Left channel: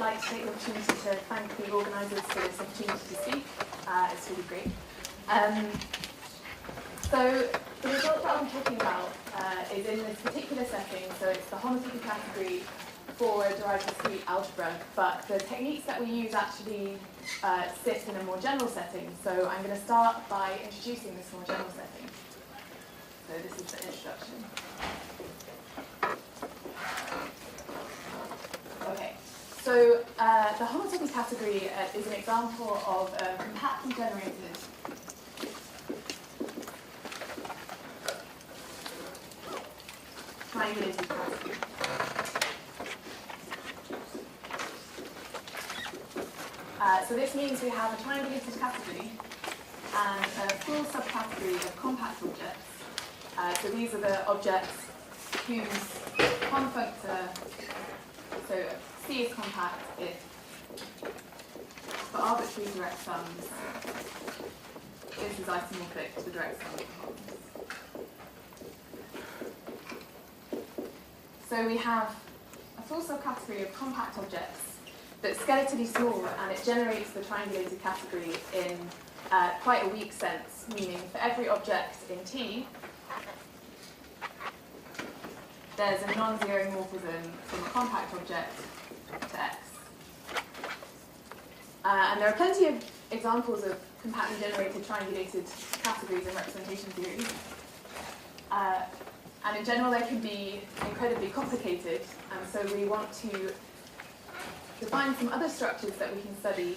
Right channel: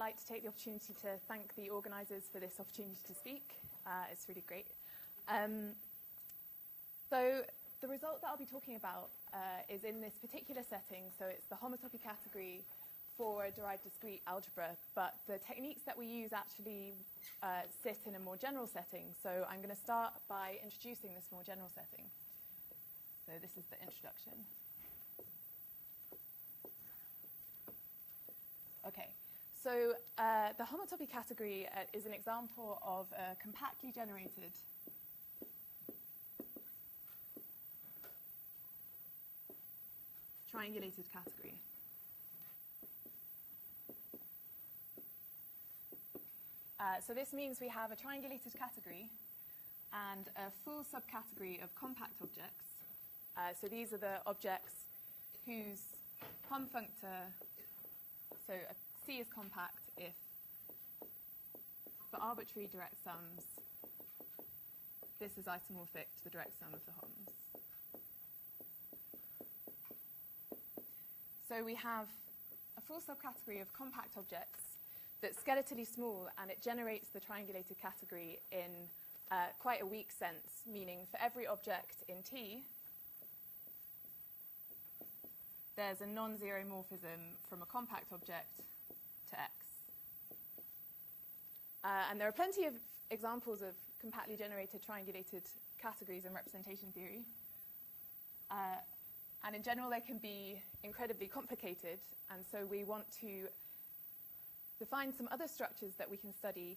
I'd like to take the opportunity to thank the organisers for this opportunity to speak. It's really great. So the result that I'm talking about is in this particular setting, so it's the homotopy category for a derived-discrete algebra, but the techniques that we use actually sit in a more general setting. So I'm going to start by introducing this more general setting. So this is the introduction. Okay, so the homotopy category is an example of a compactly generated triangulated category. So this means we have a triangulated category and a full subcategory of compact objects. So these are the objects whose common functor, so C is compact if for arbitrary direct sums this is isomorphic to the direct sum of the wholes. So we have a full subcategory of compact objects that's skeletally small, and it generates the triangulated category in quite a weak sense, meaning for every object in T, there's a non-zero morphism from a compact object to X. And there are plenty of examples of compactly generated triangulated categories in representation theory. And in general, they can be incredibly complicated, and so we want to define some other structures that we can study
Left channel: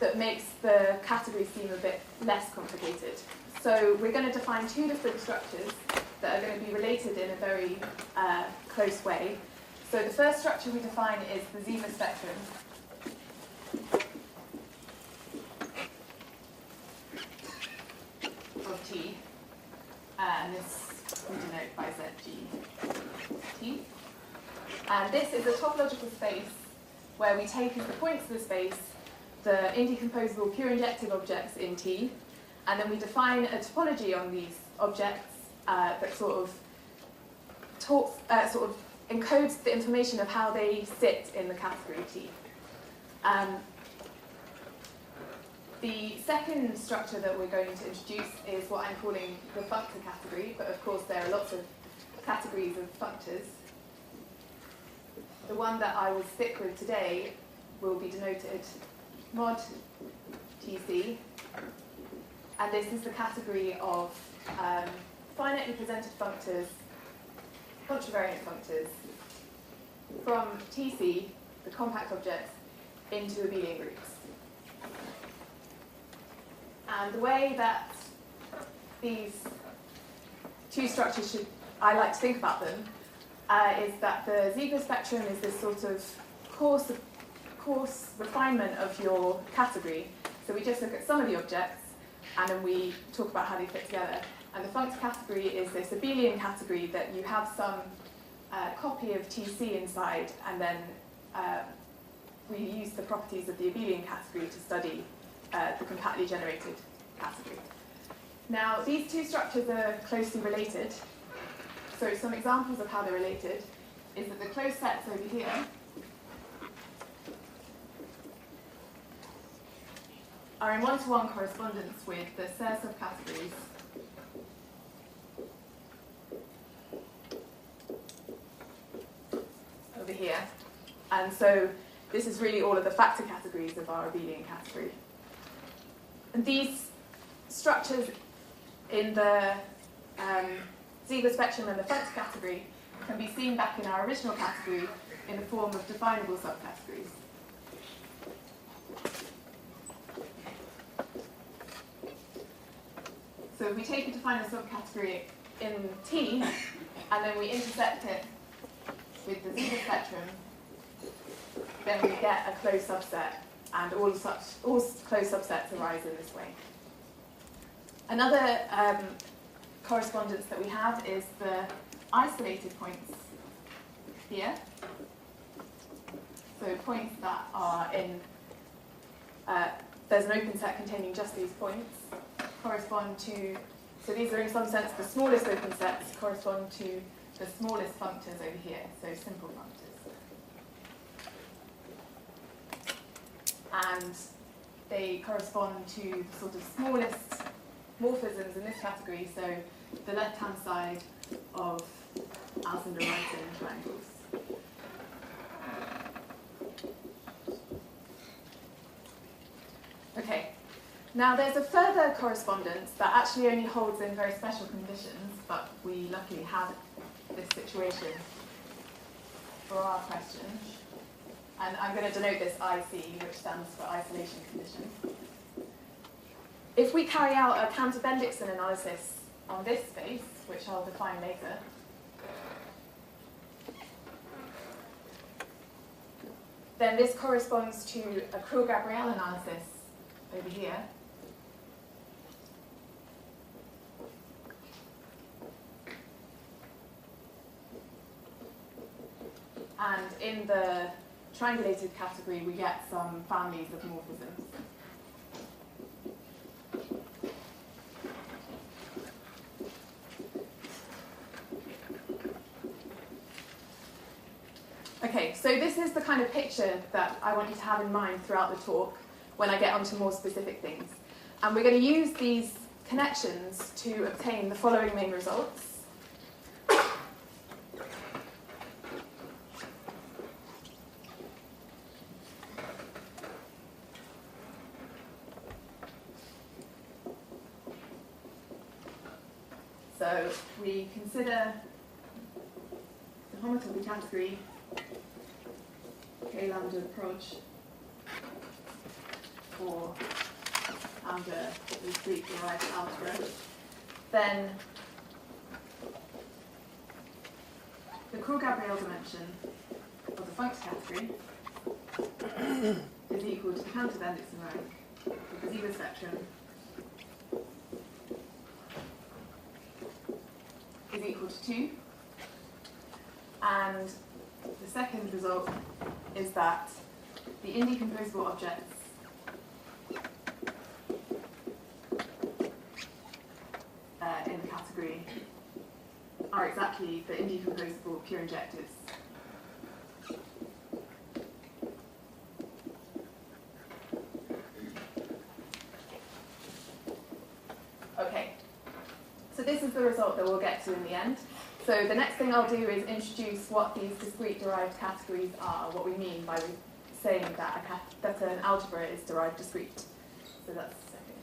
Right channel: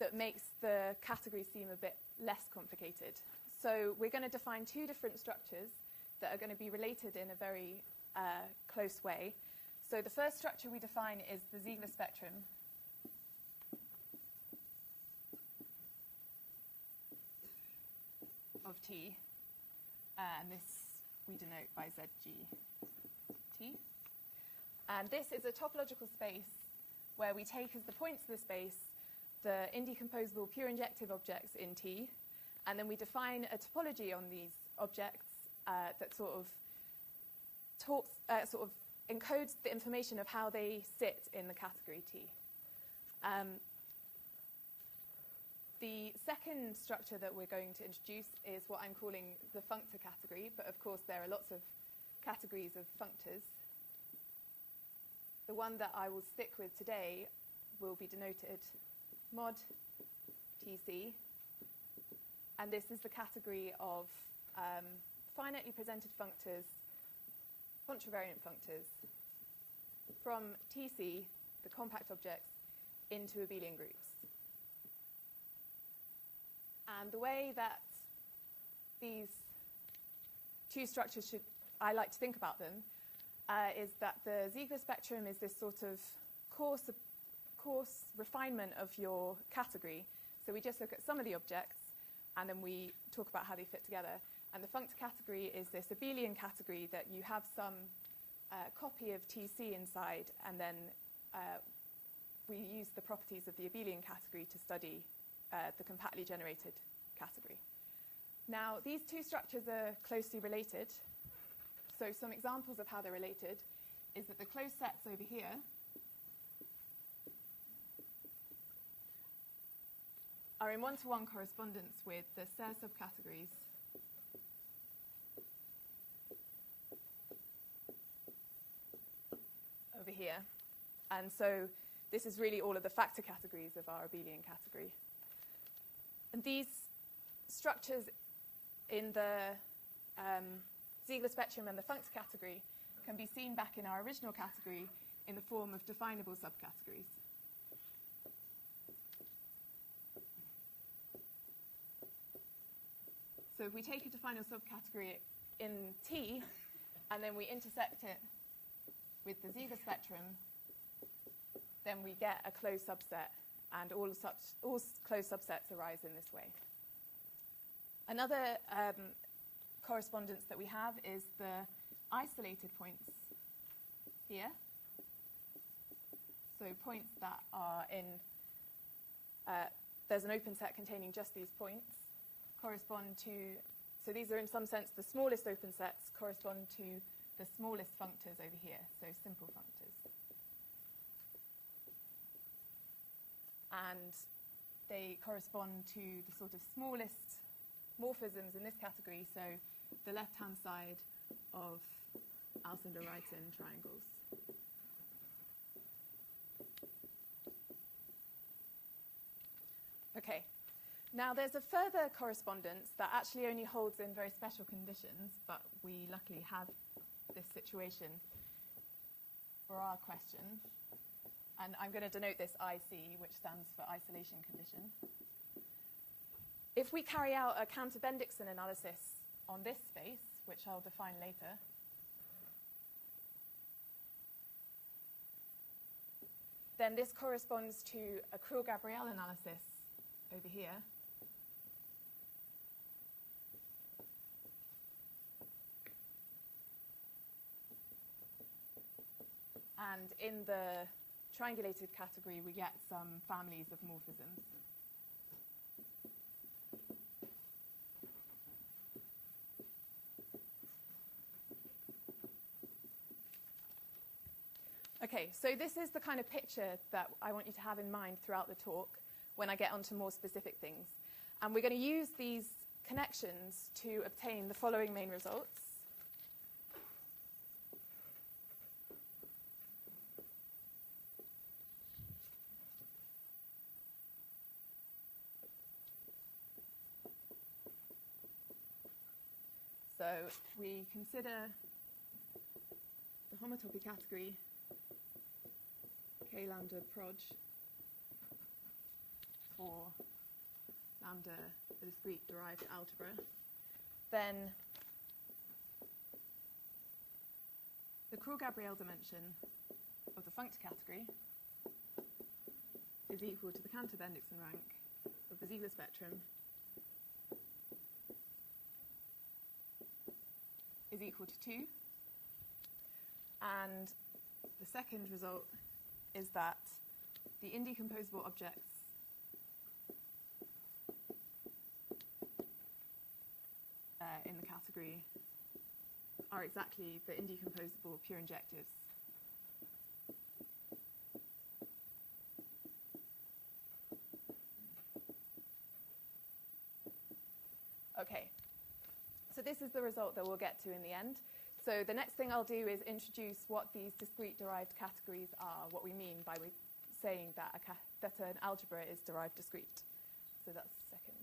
that makes the category seem a bit less complicated. So we're going to define two different structures that are going to be related in a very close way. So the first structure we define is the Ziegler spectrum. Of T, and this we denote by ZG And this is a topological space where we take as the points of the space the indecomposable pure injective objects in T, and then we define a topology on these objects that sort of encodes the information of how they sit in the category T. The second structure that we're going to introduce is what I'm calling the functor category, but of course there are lots of categories of functors. The one that I will stick with today will be denoted mod TC, and this is the category of finitely presented functors, contravariant functors, from TC, the compact objects, into abelian groups. And the way that these two structures I like to think about them, is that the Ziegler spectrum is this sort of coarse refinement of your category. So we just look at some of the objects, and then we talk about how they fit together. And the functor category is this abelian category that you have some copy of TC inside, and then we use the properties of the abelian category to study the compactly generated category. Now, these two structures are closely related. So some examples of how they're related is that the closed sets over here are in one-to-one correspondence with the Ser subcategories over here. And so this is really all of the factor categories of our abelian category. And these structures in the Ziegler spectrum and the functor category can be seen back in our original category in the form of definable subcategories. So if we take a definable subcategory in T, and then we intersect it with the Ziegler spectrum, then we get a closed subset, and all closed subsets arise in this way. Another correspondence that we have is the isolated points here. So points that are in, there's an open set containing just these points, correspond to, so these are in some sense the smallest open sets, correspond to the smallest functors over here, so simple functors. they correspond to the sort of smallest morphisms in this category, so the left-hand side of Alcindor-Wrighton triangles. Okay, now there's a further correspondence that actually only holds in very special conditions, but we luckily have this situation for our question. And I'm going to denote this IC, which stands for isolation condition. If we carry out a Cantor-Bendixson analysis on this space, which I'll define later, then this corresponds to a Creel-Gabriel analysis over here. And in the triangulated category, we get some families of morphisms. Okay, so this is the kind of picture that I want you to have in mind throughout the talk when I get onto more specific things. And we're going to use these connections to obtain the following main results. So we consider the homotopy category, K lambda approach for derived-discrete derived algebra. Then the Creel-Gabriel dimension of the functor category is equal to the Cantor-Bendixson rank of the Ziegler spectrum is equal to 2. And the second result is that the indecomposable objects in the category are exactly the indecomposable pure injectives. Okay, so this is the result that we'll get to in the end. So the next thing I'll do is introduce what these discrete derived categories are, what we mean by saying that, that an algebra is derived discrete. So that's the second.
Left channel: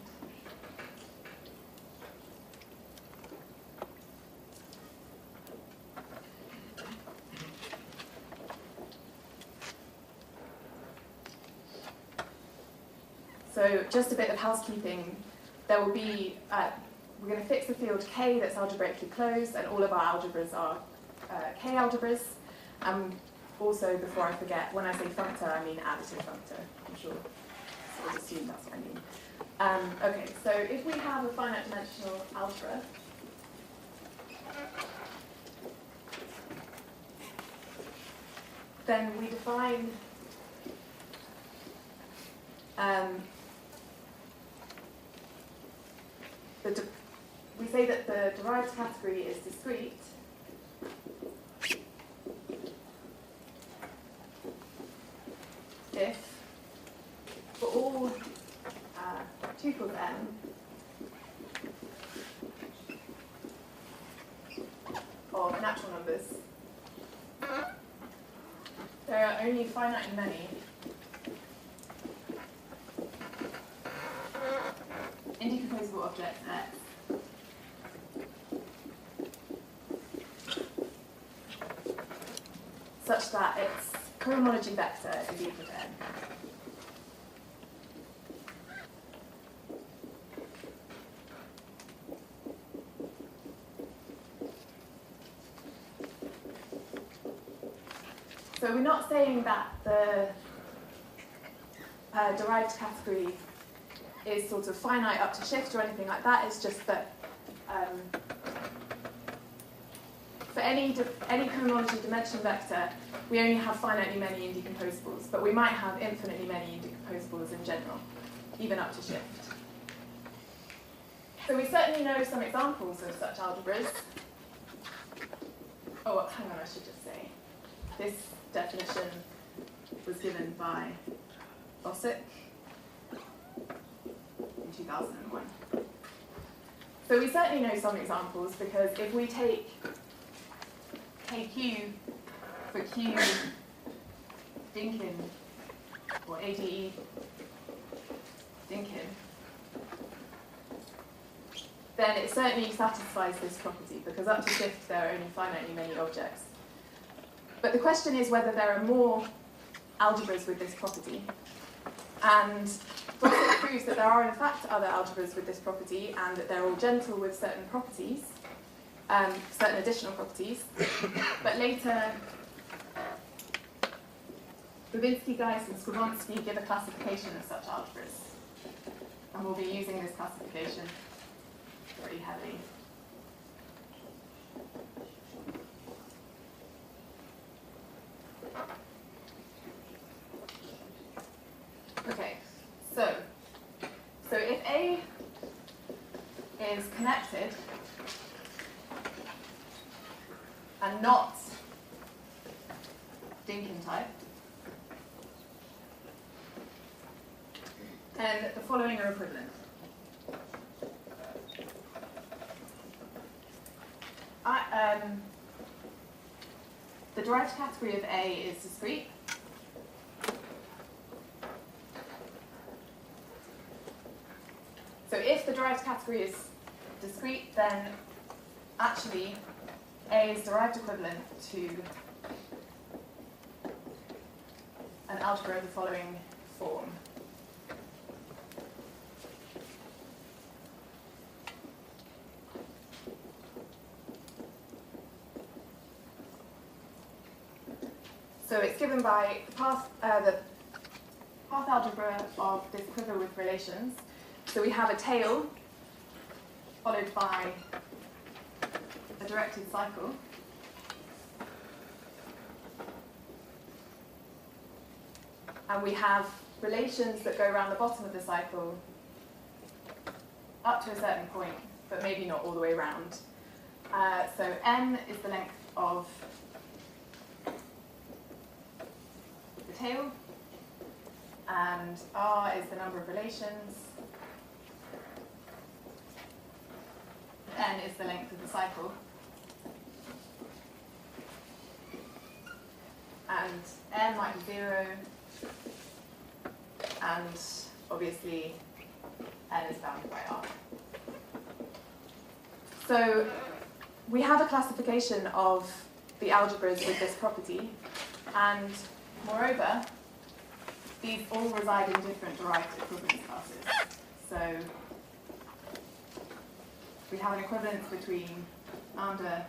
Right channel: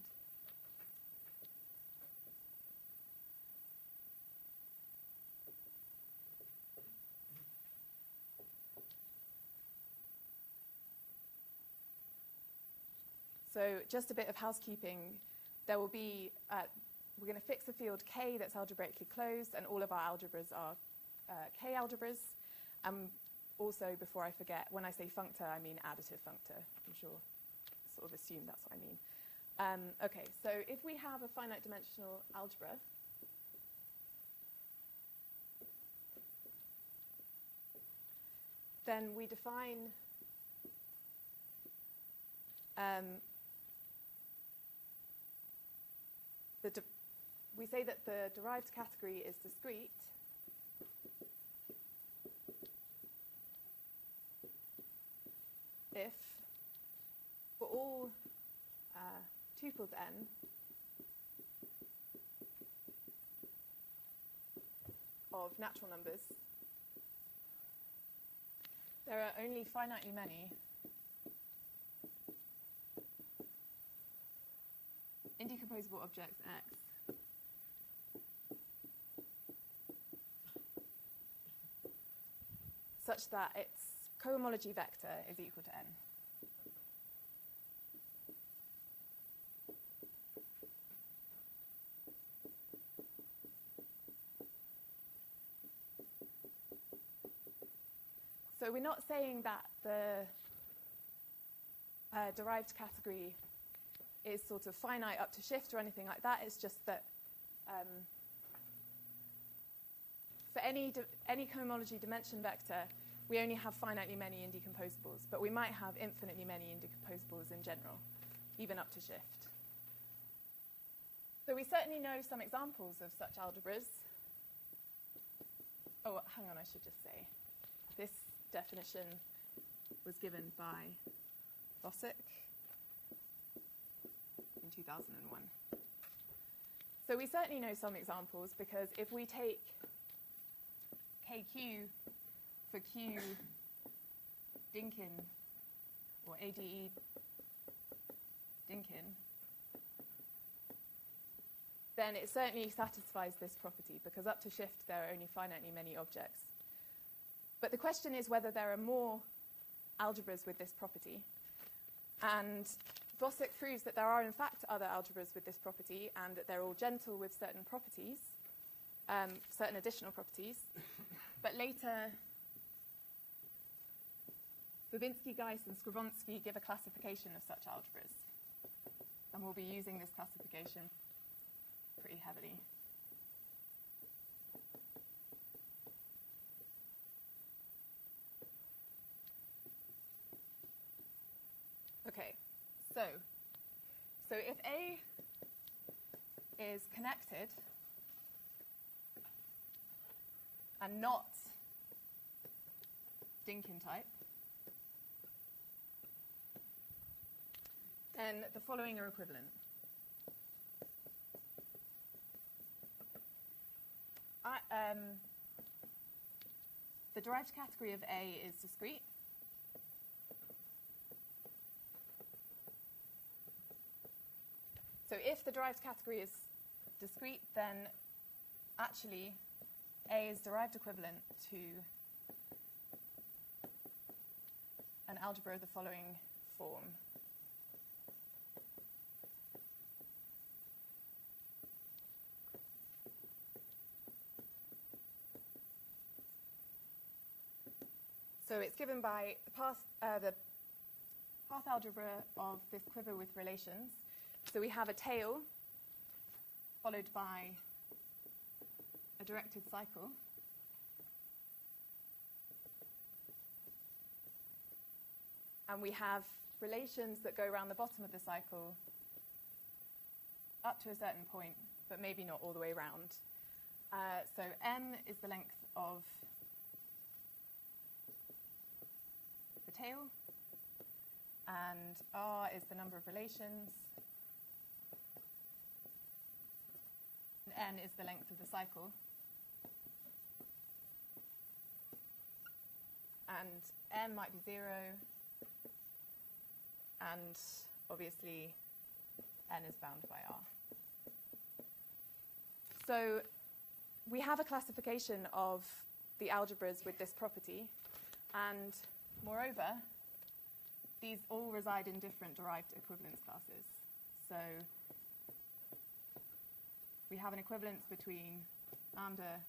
So just a bit of housekeeping. There will be we're going to fix the field K that's algebraically closed, and all of our algebras are K algebras. Also, before I forget, when I say functor, I mean additive functor. I'm sure we'll assume that's what I mean. Okay, so if we have a finite dimensional algebra, then we define we say that the derived category is discrete if for all tuples n of natural numbers, there are only finitely many indecomposable objects x such that its cohomology vector is equal to n. So we're not saying that the derived category is sort of finite up to shift or anything like that. It's just that for any cohomology dimension vector, we only have finitely many indecomposables, but we might have infinitely many indecomposables in general, even up to shift. So we certainly know some examples of such algebras. Oh, hang on, I should just say. This definition was given by Bossick. 2001. So we certainly know some examples, because if we take KQ for Q Dinkin, or ADE Dinkin, then it certainly satisfies this property, because up to shift there are only finitely many objects. But the question is whether there are more algebras with this property. And Dawson proves that there are in fact other algebras with this property, and that they're all gentle with certain properties, certain additional properties. But later, Babinski, Geiss, and Skowronski give a classification of such algebras. And we'll be using this classification pretty heavily. Okay, so if A is connected and not Dinkin type, then the following are equivalent. The derived category of A is discrete. So if the derived category is discrete, then actually A is derived equivalent to an algebra of the following form. So it's given by the path algebra of this quiver with relations. So we have a tail followed by a directed cycle. And we have relations that go around the bottom of the cycle up to a certain point, but maybe not all the way around. So n is the length of the tail, and r is the number of relations, n is the length of the cycle, and n might be 0, and obviously n is bounded by r. So we have a classification of the algebras with this property, and moreover, these all reside in different derived equivalence classes. So we have an equivalence between lambda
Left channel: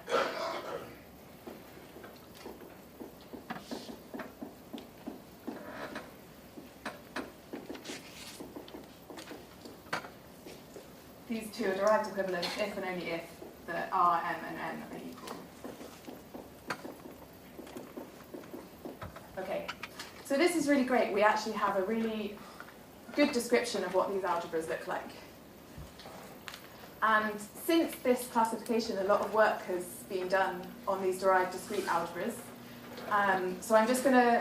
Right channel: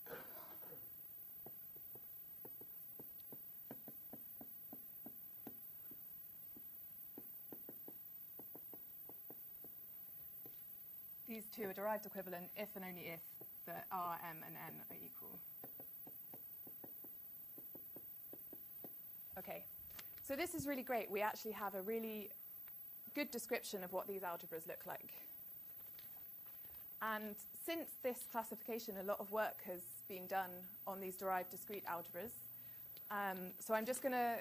these two are derived equivalents if and only if the R, M, and N are equal. Okay, so this is really great. We actually have a really good description of what these algebras look like. And since this classification, a lot of work has been done on these derived discrete algebras. So I'm just going to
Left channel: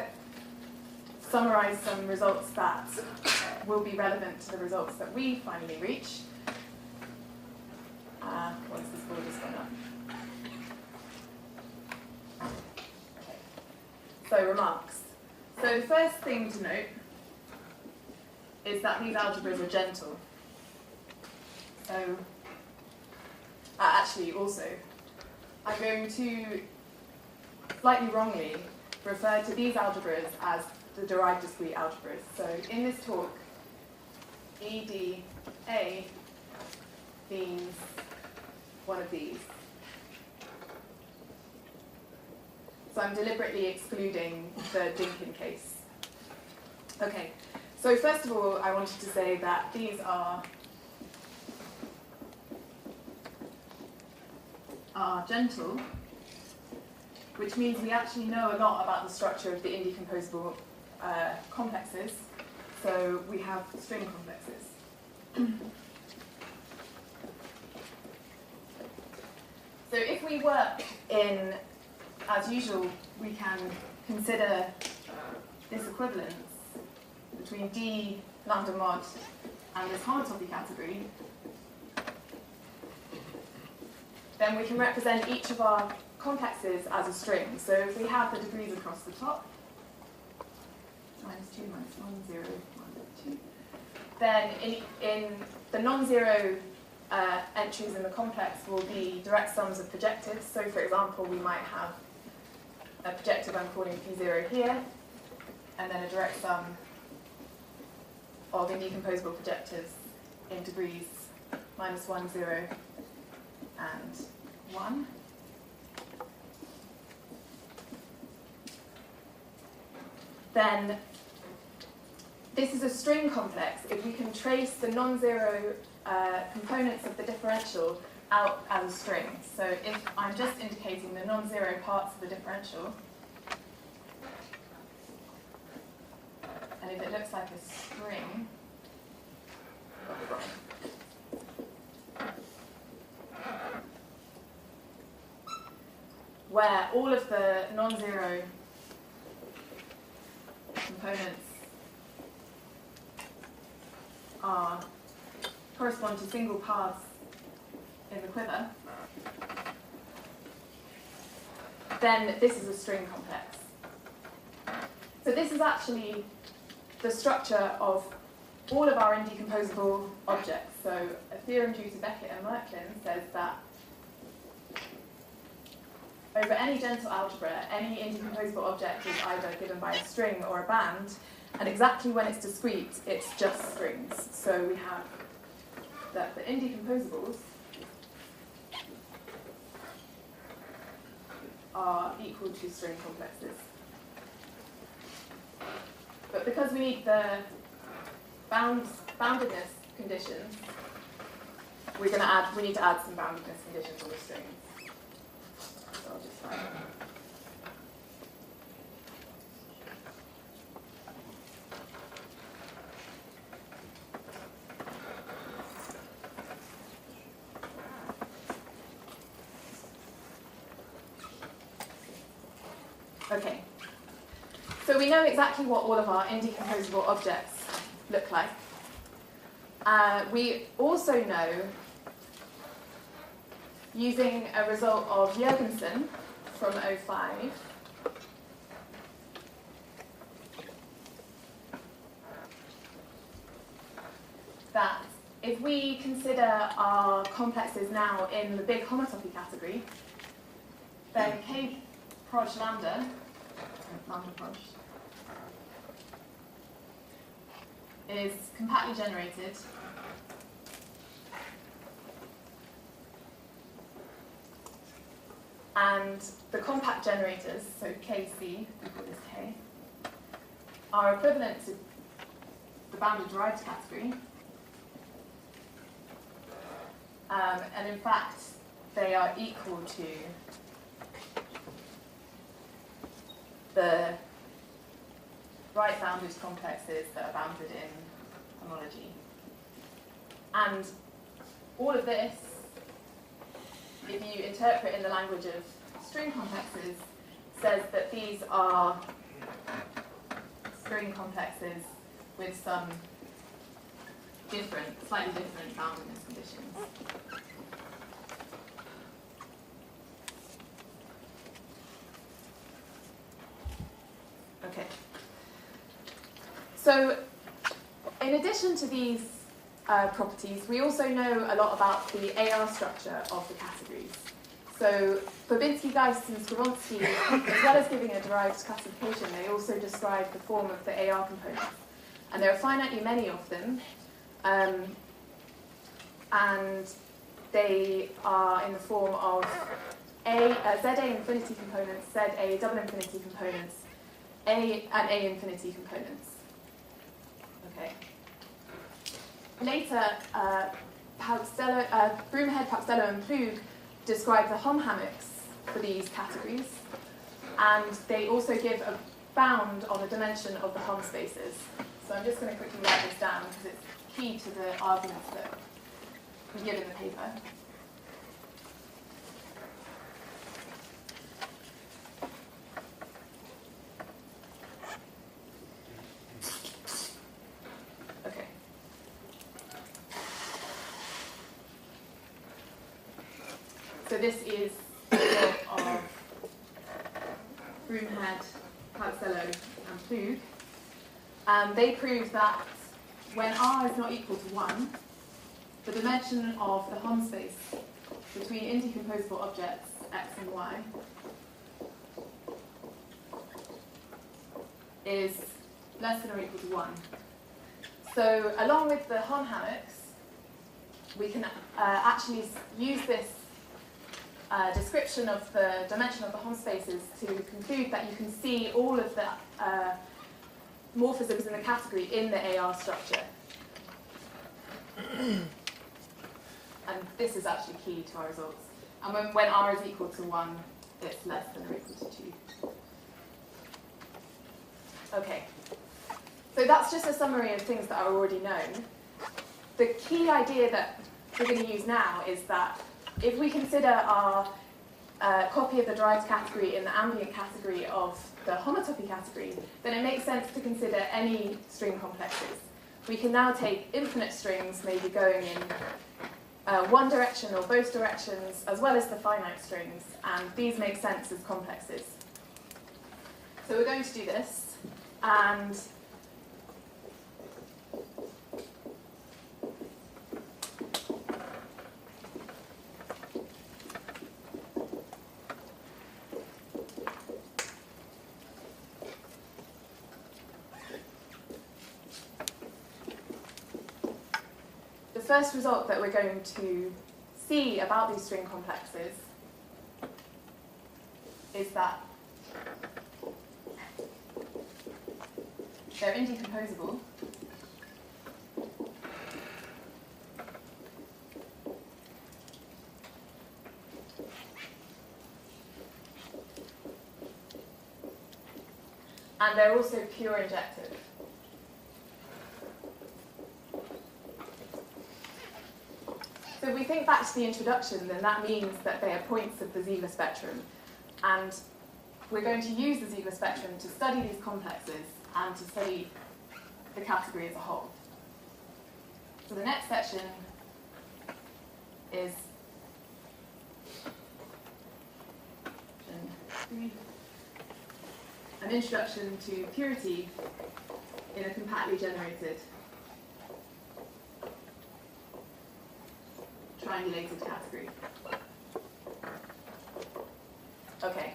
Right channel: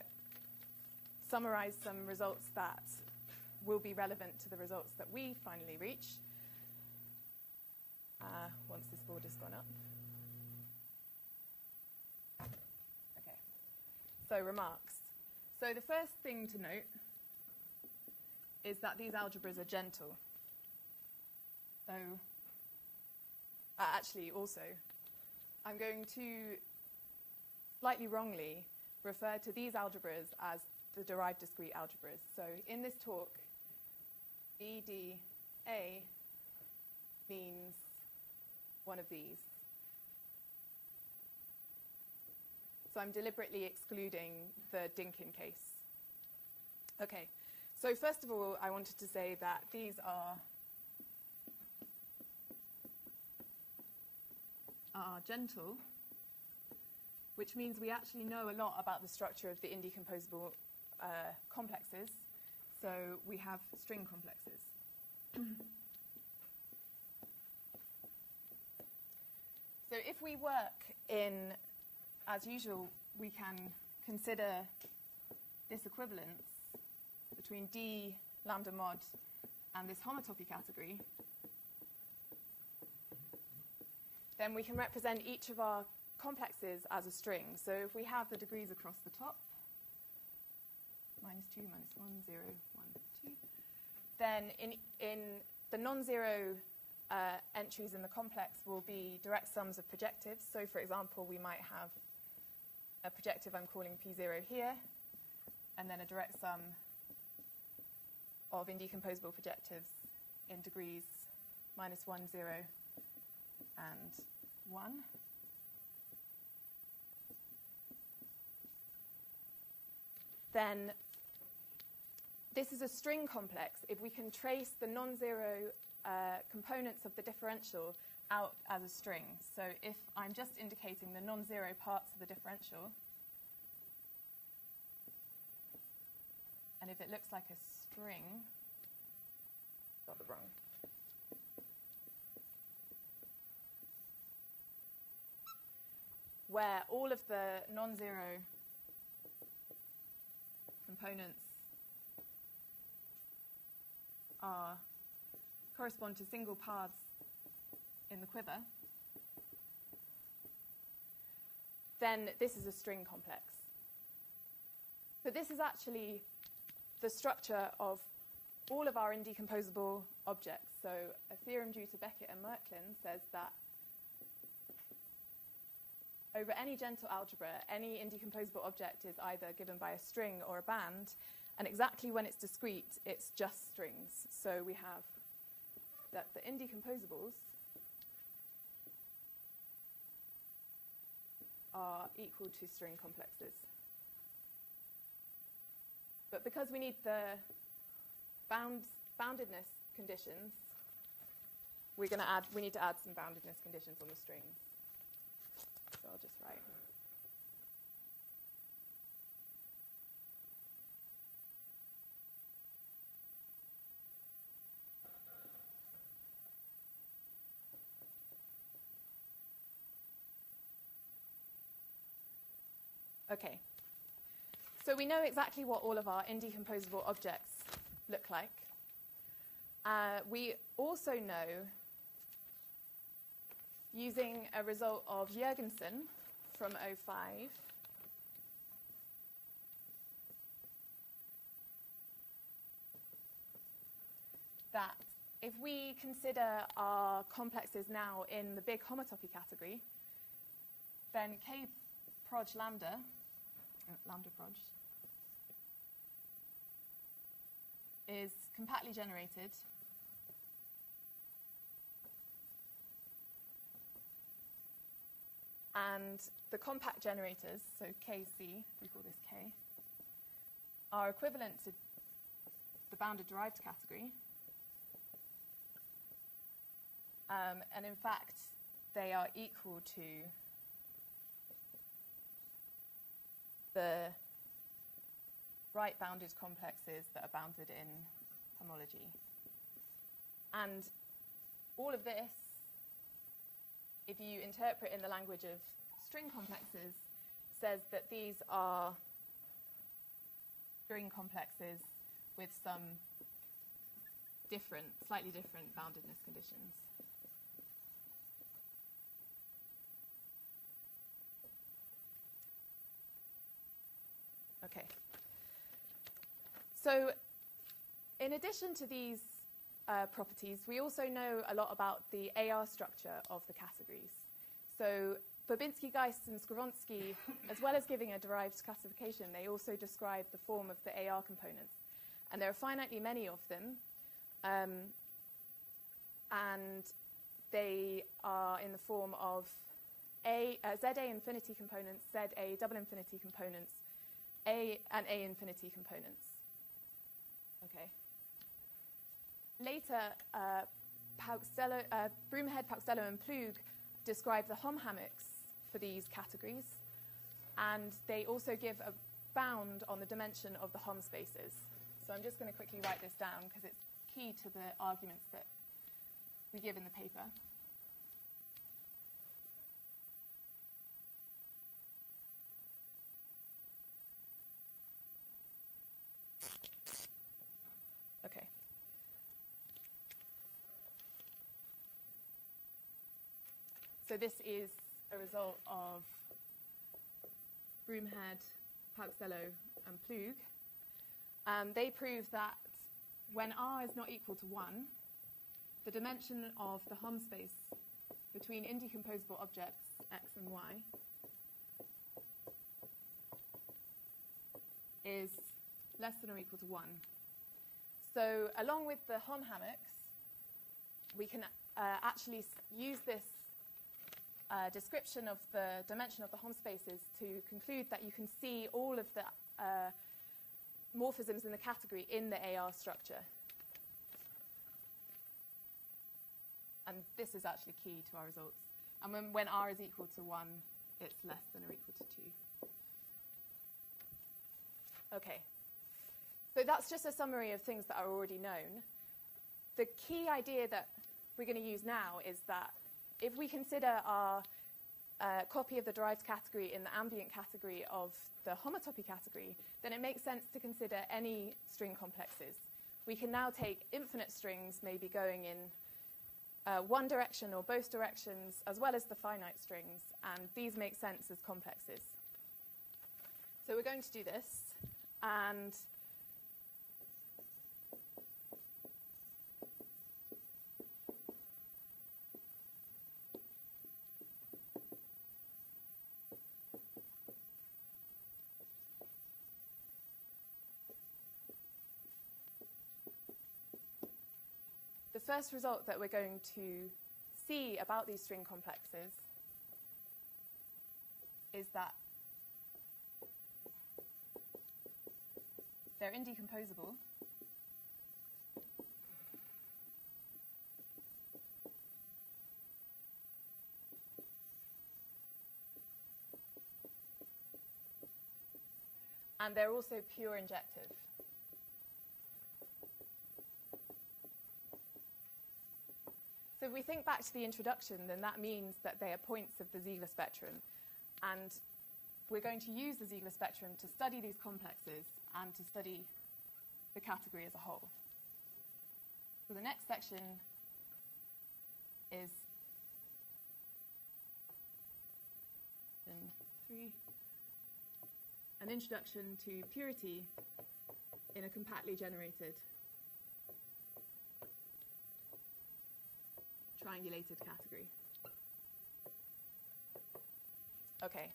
summarize some results that will be relevant to the results that we finally reach. Once this board has gone up. Okay. So remarks. So the first thing to note is that these algebras are gentle. So actually also, I'm going to slightly wrongly refer to these algebras as the derived discrete algebras. So in this talk, EDA means one of these. So I'm deliberately excluding the Dinkin case. Okay, so first of all, I wanted to say that these are gentle, which means we actually know a lot about the structure of the indecomposable complexes. So we have string complexes. So if we work in, as usual, we can consider this equivalence between d lambda mod and this homotopy category, then we can represent each of our complexes as a string. So if we have the degrees across the top, minus 2, minus 1, 0, 1, 2, then in the non-zero entries in the complex will be direct sums of projectives. So for example, we might have a projective I'm calling P0 here, and then a direct sum of indecomposable projectives in degrees minus 1, 0, and 1. Then this is a string complex if we can trace the non-zero components of the differential out as a string. So if I'm just indicating the non-zero parts of the differential, and if it looks like a string, where all of the non-zero components correspond to single paths in the quiver, then this is a string complex. So this is actually the structure of all of our indecomposable objects. So a theorem due to Beckett and Merklin says that over any gentle algebra, any indecomposable object is either given by a string or a band, and exactly when it's discrete, it's just strings. So we have that the indecomposables are equal to string complexes. But because we need the boundedness conditions, we need to add some boundedness conditions on the strings. So I'll just write them. Okay, so we know exactly what all of our indecomposable objects look like. We also know, using a result of Jurgensen from 05, that if we consider our complexes now in the big homotopy category, then K proj lambda proj, is compactly generated and the compact generators, so Kc, we call this K, are equivalent to the bounded derived category, and in fact they are equal to the right bounded complexes that are bounded in homology. And all of this, if you interpret in the language of string complexes, says that these are string complexes with some slightly different boundedness conditions. Okay. So, in addition to these properties, we also know a lot about the AR structure of the categories. So, Babinski, Geist, and Skowronski, as well as giving a derived classification, they also describe the form of the AR components. And there are finitely many of them, and they are in the form of ZA infinity components, ZA double infinity components, and A infinity components. Okay. Later, Broomhead, Pastello, and Plug describe the Hom hammocks for these categories, and they also give a bound on the dimension of the Hom spaces. So I'm just going to quickly write this down because it's key to the arguments that we give in the paper. Okay. this is the result of Broomhead, Costello, and Ploog. They proved that when R is not equal to 1, the dimension of the Hom space between indecomposable objects x and y is less than or equal to 1. So along with the Hom hammocks, we can actually use this description of the dimension of the Hom spaces to conclude that you can see all of the morphisms in the category in the AR structure. And this is actually key to our results. And when R is equal to 1, it's less than or equal to 2. Okay. So that's just a summary of things that are already known. The key idea that we're going to use now is that if we consider our copy of the derived category in the ambient category of the homotopy category, then it makes sense to consider any string complexes. We can now take infinite strings, maybe going in one direction or both directions, as well as the finite strings, and these make sense as complexes. So we're going to do this, and the first result that we're going to see about these string complexes is that they're indecomposable. And they're also pure injective. So if we think back to the introduction, then that means that they are points of the Ziegler spectrum. And we're going to use the Ziegler spectrum to study these complexes and to study the category as a whole. So the next section is an introduction to purity in a compactly generated triangulated category. Okay,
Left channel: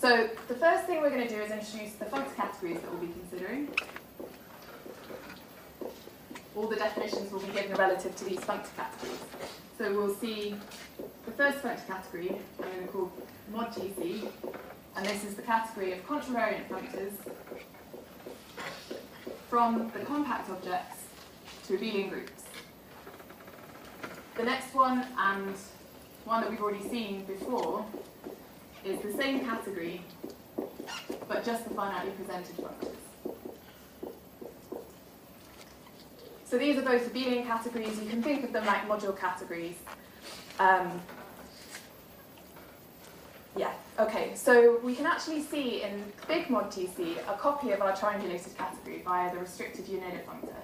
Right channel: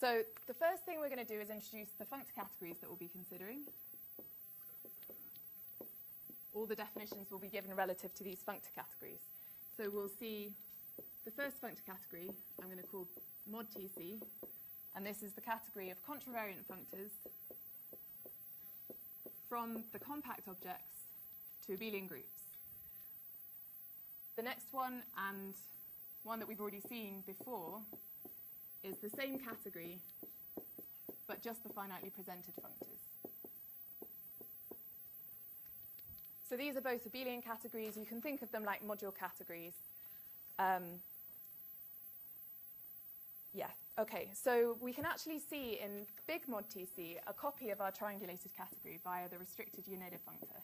so the first thing we're going to do is introduce the functor categories that we'll be considering. All the definitions will be given relative to these functor categories. So we'll see the first functor category, I'm going to call mod TC, and this is the category of contravariant functors from the compact objects to abelian groups. The next one, and one that we've already seen before, is the same category, but just the finitely presented functors. So these are both abelian categories. You can think of them like module categories. Okay, so we can actually see in big mod TC a copy of our triangulated category via the restricted unit functor.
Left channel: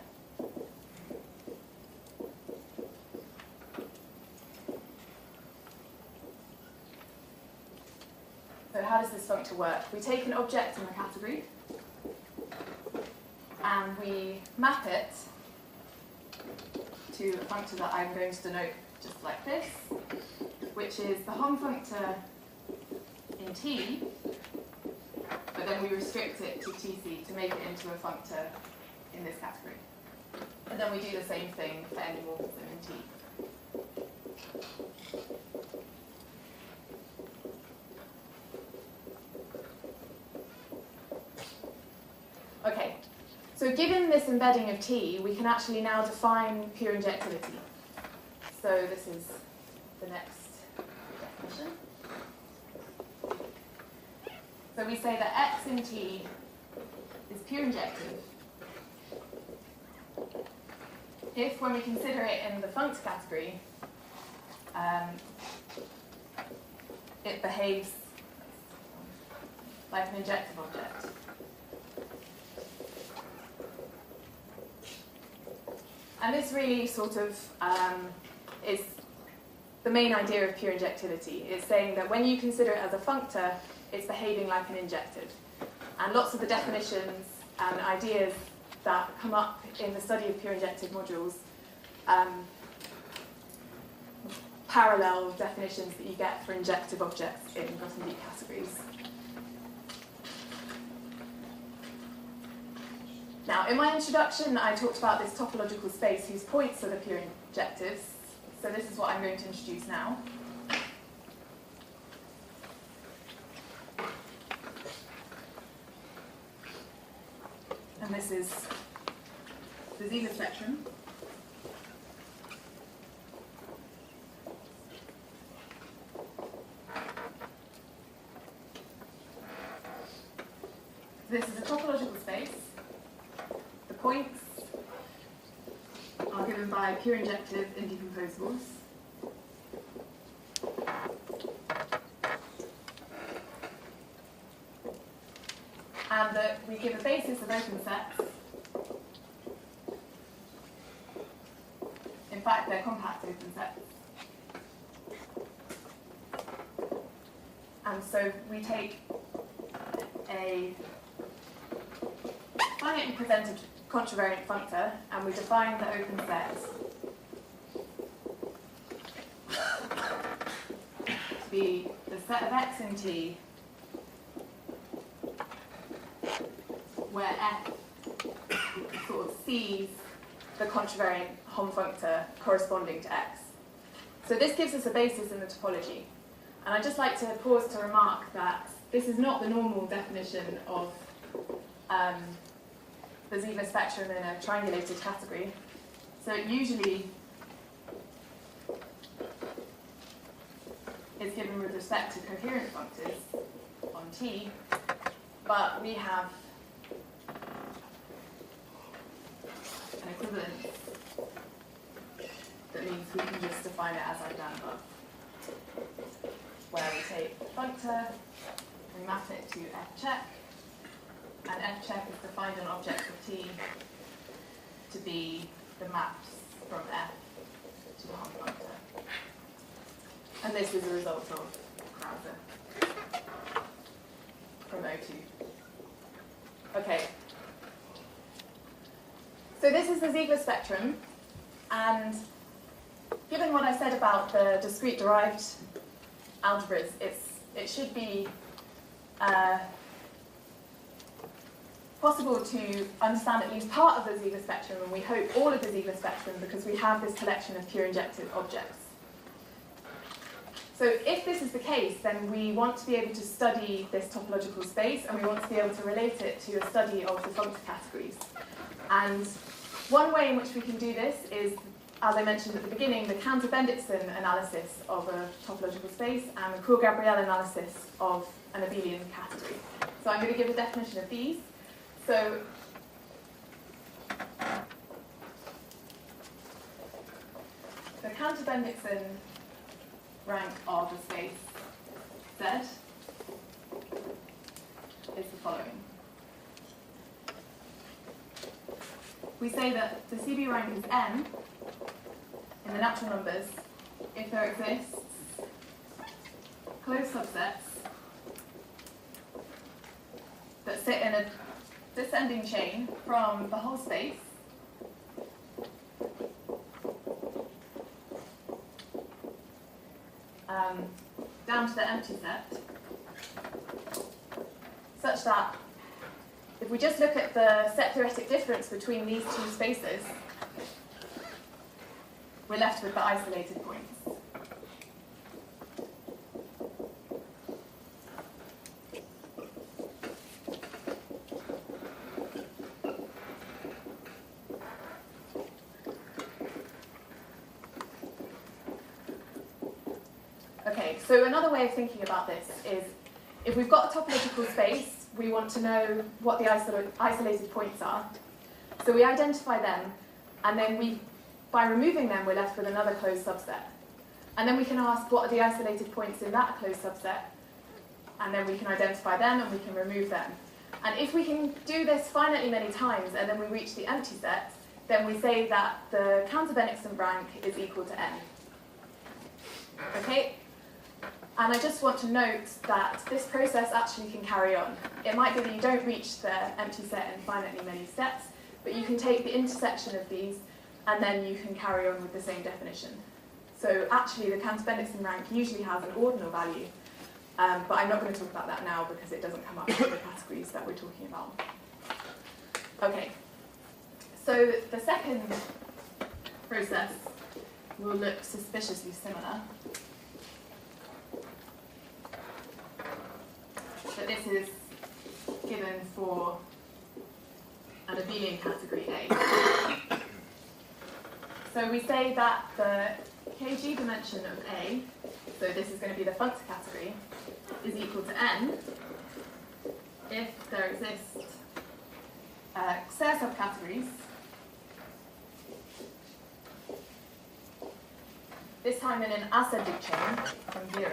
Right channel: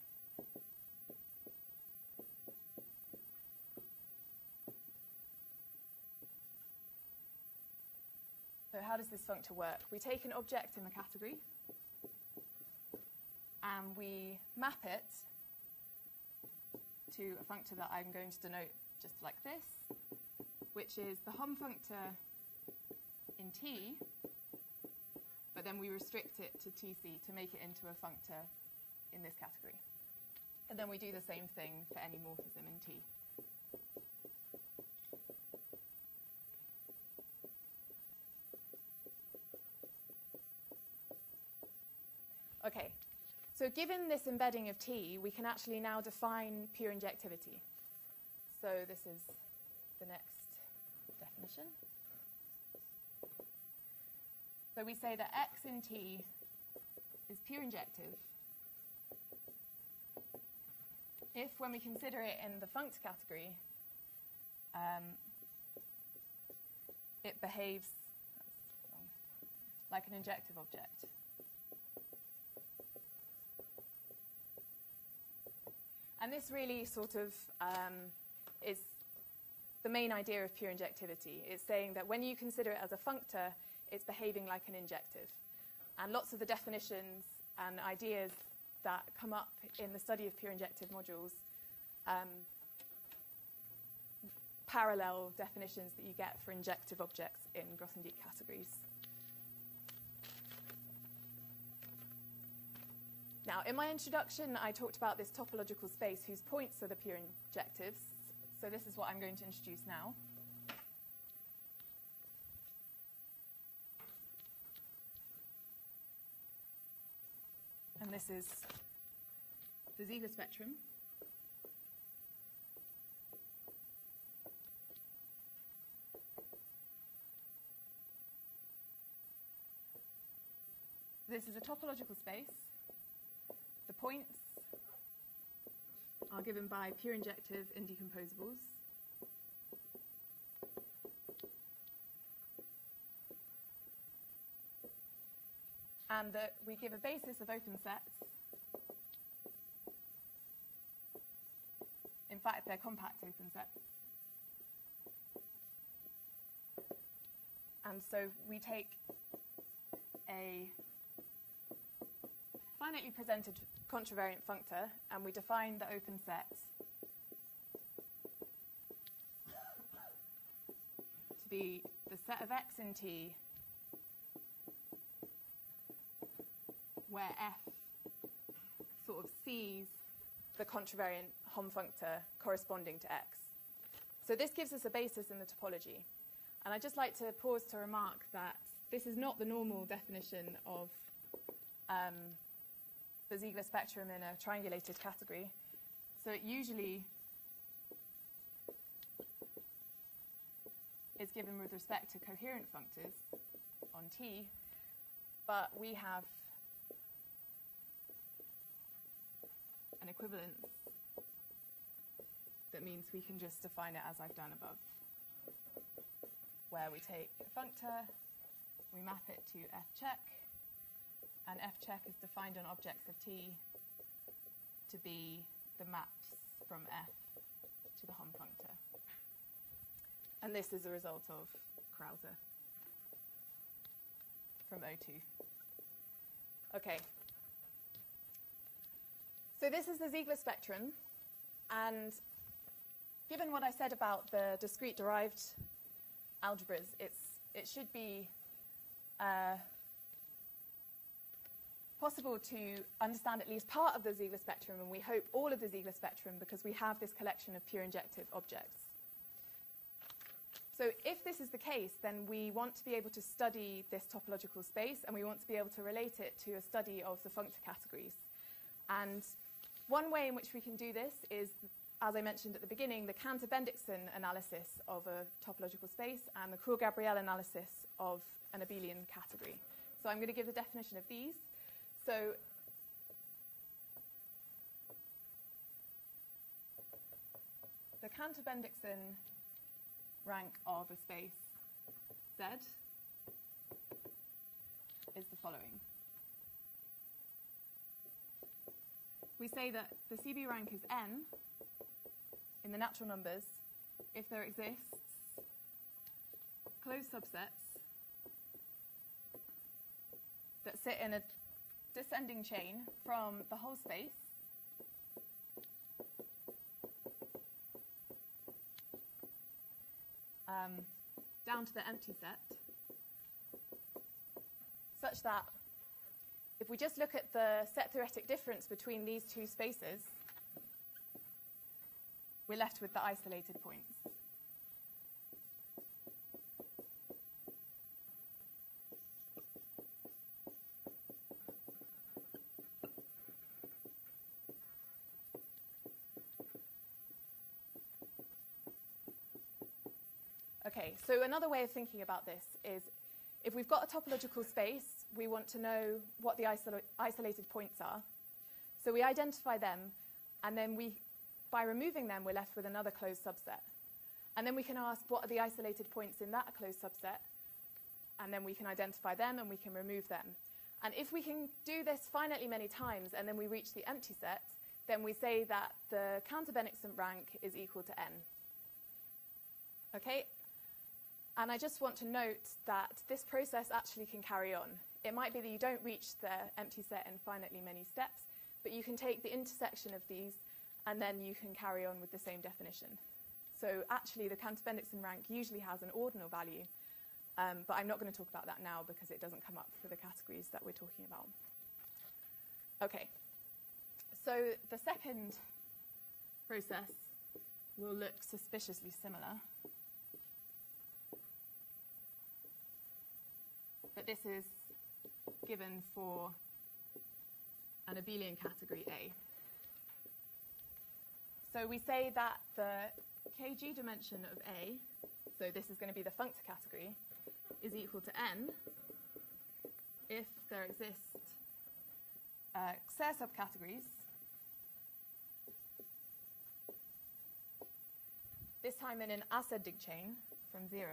So how does this functor work? We take an object in the category and we map it to a functor that I'm going to denote just like this, which is the Hom functor in T, but then we restrict it to TC to make it into a functor in this category. And then we do the same thing for any morphism in T. Okay, so given this embedding of T, we can actually now define pure injectivity. So this is the next definition. So we say that x in T is pure injective if, when we consider it in the functor category, it behaves like an injective object. And this really sort of is the main idea of pure injectivity. It's saying that when you consider it as a functor, it's behaving like an injective. And lots of the definitions and ideas that come up in the study of pure injective modules parallel definitions that you get for injective objects in Grothendieck categories. Now, in my introduction, I talked about this topological space whose points are the pure injectives. So this is what I'm going to introduce now. And this is the Ziegler spectrum. This is a topological space. The points are given by pure injective indecomposables. And that we give a basis of open sets. In fact, they're compact open sets. And so we take a finitely presented contravariant functor, and we define the open set to be the set of x in T where f sort of sees the contravariant Hom functor corresponding to x. So this gives us a basis in the topology. And I'd just like to pause to remark that this is not the normal definition of the Ziegler spectrum in a triangulated category. So it usually is given with respect to coherent functors on T, but we have an equivalence that means we can just define it as I've done above, where we take the functor, we map it to f check, and f check is defined an object of T to be the maps from f to the Hom functor. And this is a result of Krause from O2. Okay. So this is the Ziegler spectrum, and given what I said about the discrete derived algebras, it should be possible to understand at least part of the Ziegler spectrum, and we hope all of the Ziegler spectrum, because we have this collection of pure injective objects. So if this is the case, then we want to be able to study this topological space, and we want to be able to relate it to a study of the functor categories. And one way in which we can do this is, as I mentioned at the beginning, the Cantor-Bendixson analysis of a topological space and the Cour-Gabriel analysis of an abelian category. So I'm going to give a definition of these. So the Cantor-Bendixson rank of a space Z is the following. We say that the CB rank is n in the natural numbers if there exists closed subsets that sit in a descending chain from the whole space down to the empty set, such that if we just look at the set theoretic difference between these two spaces, we're left with the isolated points. Okay, so another way of thinking about this is, if we've got a topological space, we want to know what the isolated points are. So we identify them, and then by removing them, we're left with another closed subset. And then we can ask what are the isolated points in that closed subset, and then we can identify them and we can remove them. And if we can do this finitely many times and then we reach the empty set, then we say that the Cantor-Bendixson rank is equal to n. Okay? And I just want to note that this process actually can carry on. It might be that you don't reach the empty set in finitely many steps, but you can take the intersection of these and then you can carry on with the same definition. So actually the Cantor-Bendixson rank usually has an ordinal value, but I'm not going to talk about that now because it doesn't come up with the categories that we're talking about. Okay, so the second process will look suspiciously similar. But this is given for an abelian category A. So we say that the kg dimension of A, so this is going to be the functor category, is equal to n if there exist Serre subcategories, this time in an ascending chain from 0,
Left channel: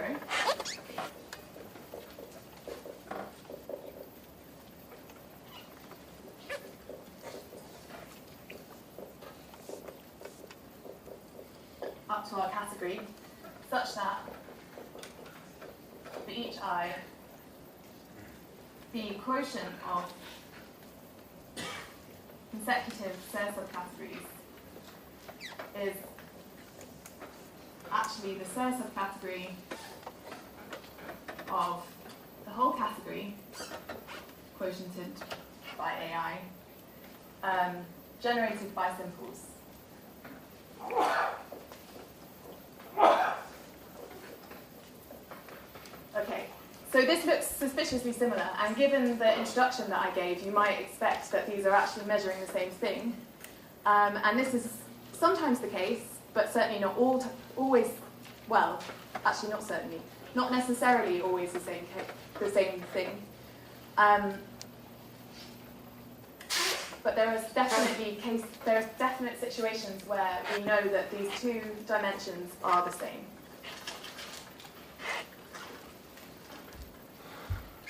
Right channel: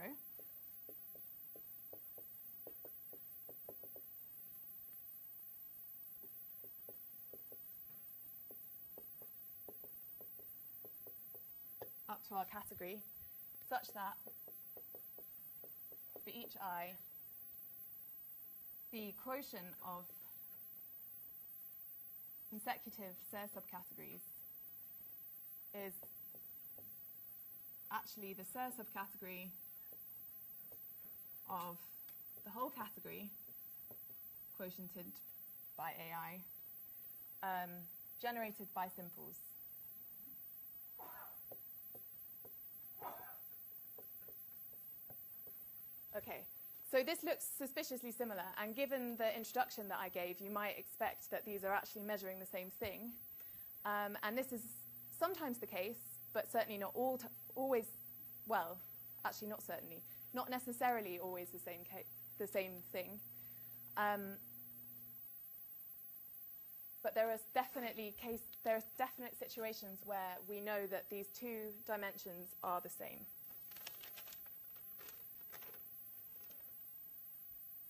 up to our category, such that for each I, the quotient of consecutive Serre subcategories is actually the Serre subcategory of the whole category, quotiented by AI, generated by simples. Okay, so this looks suspiciously similar, and given the introduction that I gave, you might expect that these are actually measuring the same thing. And this is sometimes the case, but certainly not always, well, actually not certainly, not necessarily always the same thing. But there are definite situations where we know that these two dimensions are the same.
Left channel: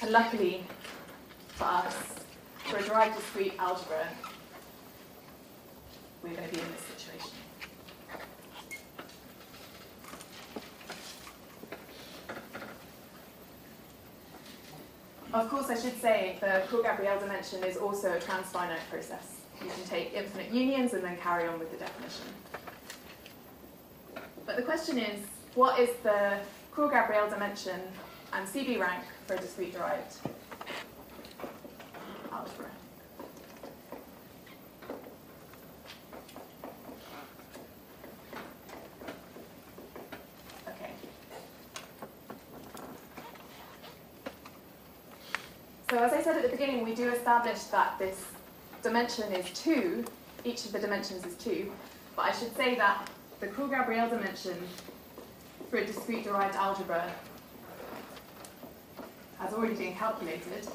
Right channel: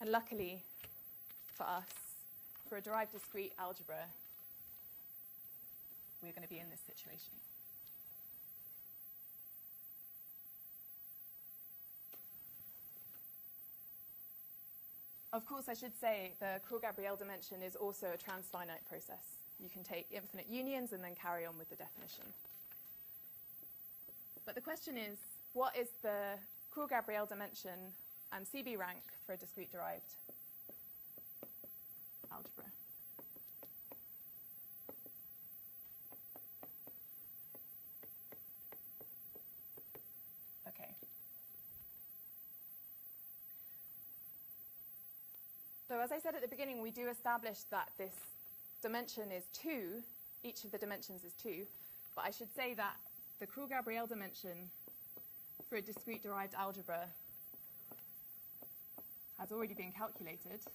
And luckily for us, for a derived-discrete algebra, we're going to be in this situation. Of course, I should say the Court-Gabriel dimension is also a transfinite process. You can take infinite unions and then carry on with the definition. But the question is, what is the Court-Gabriel dimension and CB rank for a discrete derived algebra? Okay. So as I said at the beginning, we do establish that this dimension is 2, each of the dimensions is 2, but I should say that the Court-Gabriel dimension for a discrete derived algebra has already been calculated,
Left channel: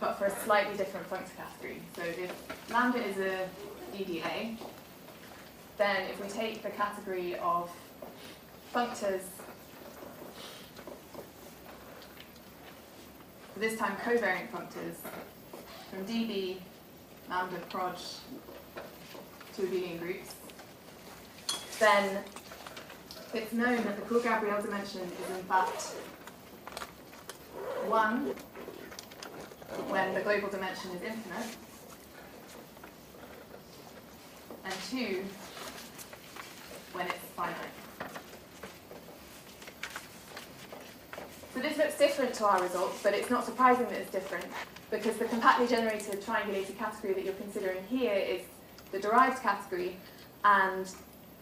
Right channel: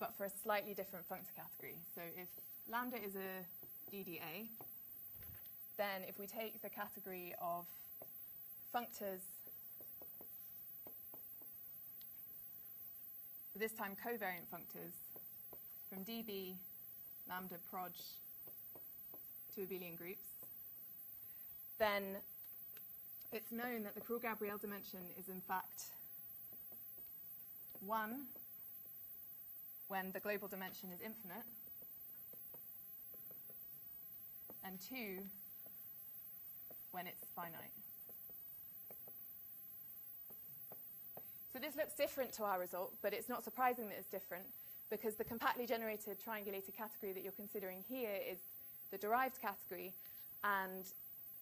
but for a slightly different functor category. So if lambda is a DDA, then if we take the category of functors, this time covariant functors, from dB, lambda, proj, to abelian groups, then it's known that the Court-Gabriel dimension is in fact 1 when the global dimension is infinite, and 2 when it's finite. So this looks different to our results, but it's not surprising that it's different, because the compactly generated triangulated category that you're considering here is the derived category, and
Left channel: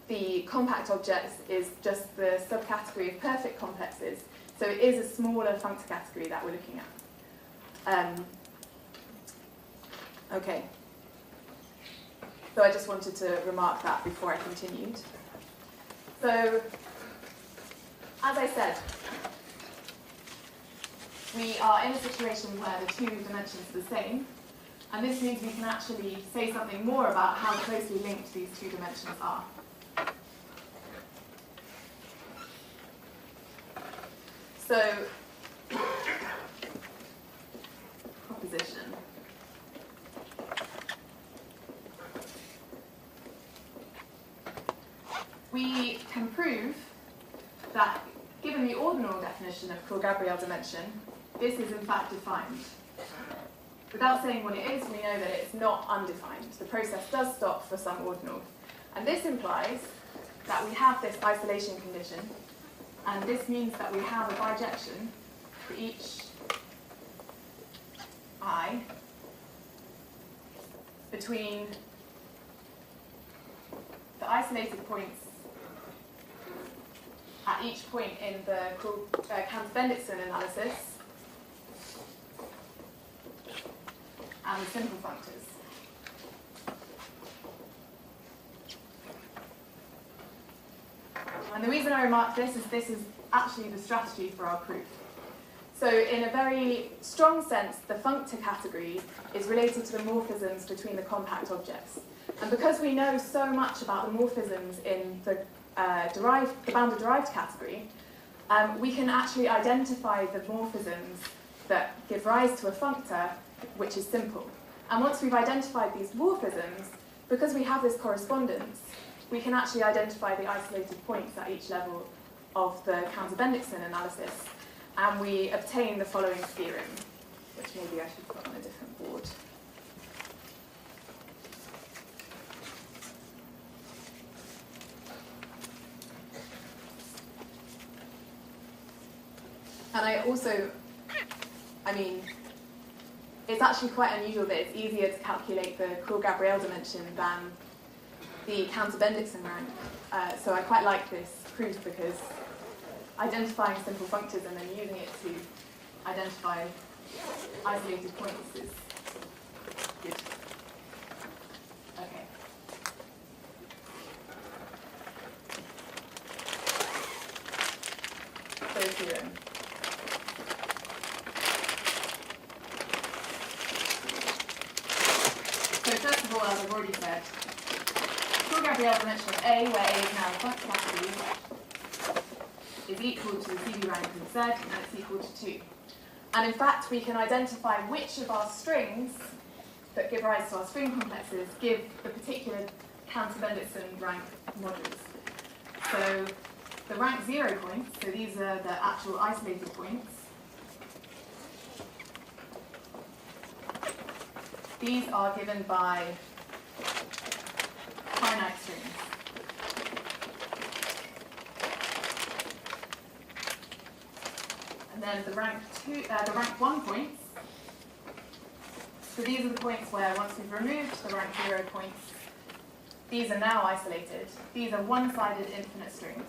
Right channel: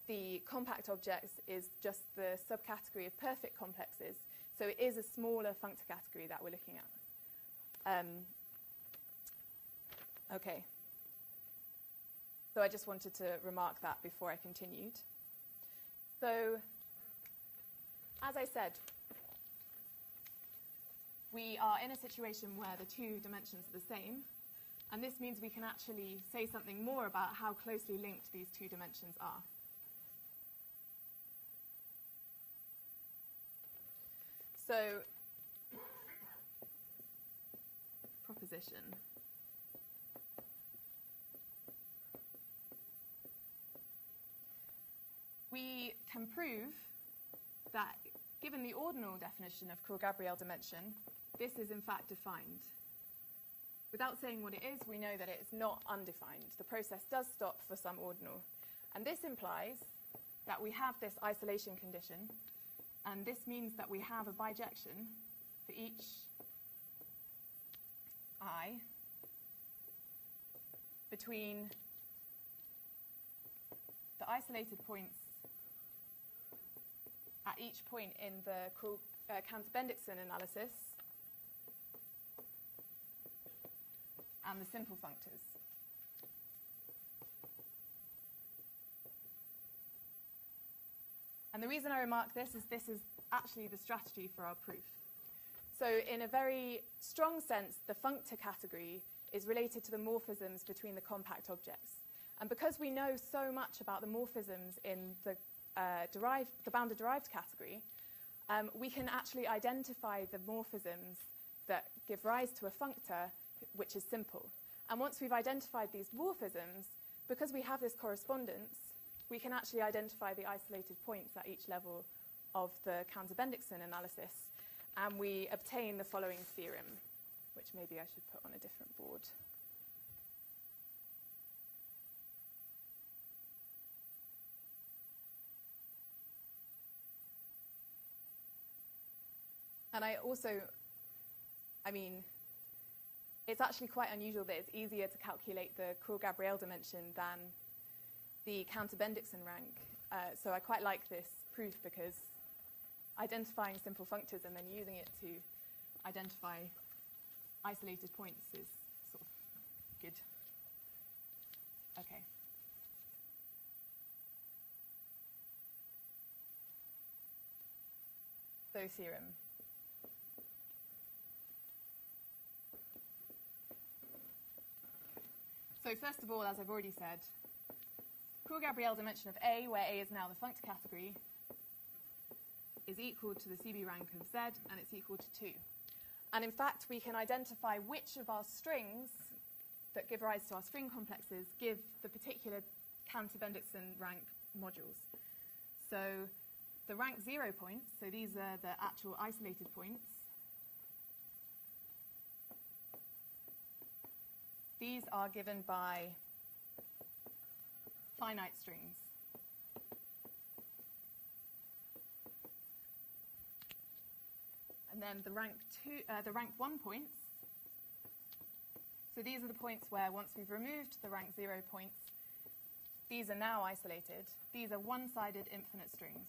the compact object is just the subcategory of perfect complexes. So it is a smaller functor category that we're looking at. Okay. So I just wanted to remark that before I continued. So, as I said, we are in a situation where the two dimensions are the same, and this means we can actually say something more about how closely linked these two dimensions are. So, proposition. We definition of Cantor-Gabriel dimension, this is in fact defined. Without saying what it is, we know that it's not undefined. The process does stop for some ordinal. And this implies that we have this isolation condition, and this means that we have a bijection for each I between the isolated points at each point in the Cantor-Bendixson analysis and the simple functors. And the reason I remark this is actually the strategy for our proof. So in a very strong sense, the functor category is related to the morphisms between the compact objects. And because we know so much about the morphisms in the bounded derived category, we can actually identify the morphisms that give rise to a functor which is simple. And once we've identified these morphisms, because we have this correspondence, we can actually identify the isolated points at each level of the Cantor-Bendixson analysis, and we obtain the following theorem, which maybe I should put on a different board. And it's actually quite unusual that it's easier to calculate the Cantor-Gabriel dimension than the Cantor-Bendixson rank. So I quite like this proof because identifying simple functors and then using it to identify isolated points is good. Okay. So theorem. So first of all, as I've already said, Cantor-Gabriel dimension of A, where A is now a functor category, is equal to the CV rank of Z, and it's equal to 2. And in fact, we can identify which of our strings that give rise to our string complexes give the particular Cantor-Bendixson rank modules. So the rank 0 points, so these are the actual isolated points, these are given by finite strings. And then the rank 1 points, so these are the points where once we've removed the rank 0 points, these are now isolated. These are one-sided infinite strings.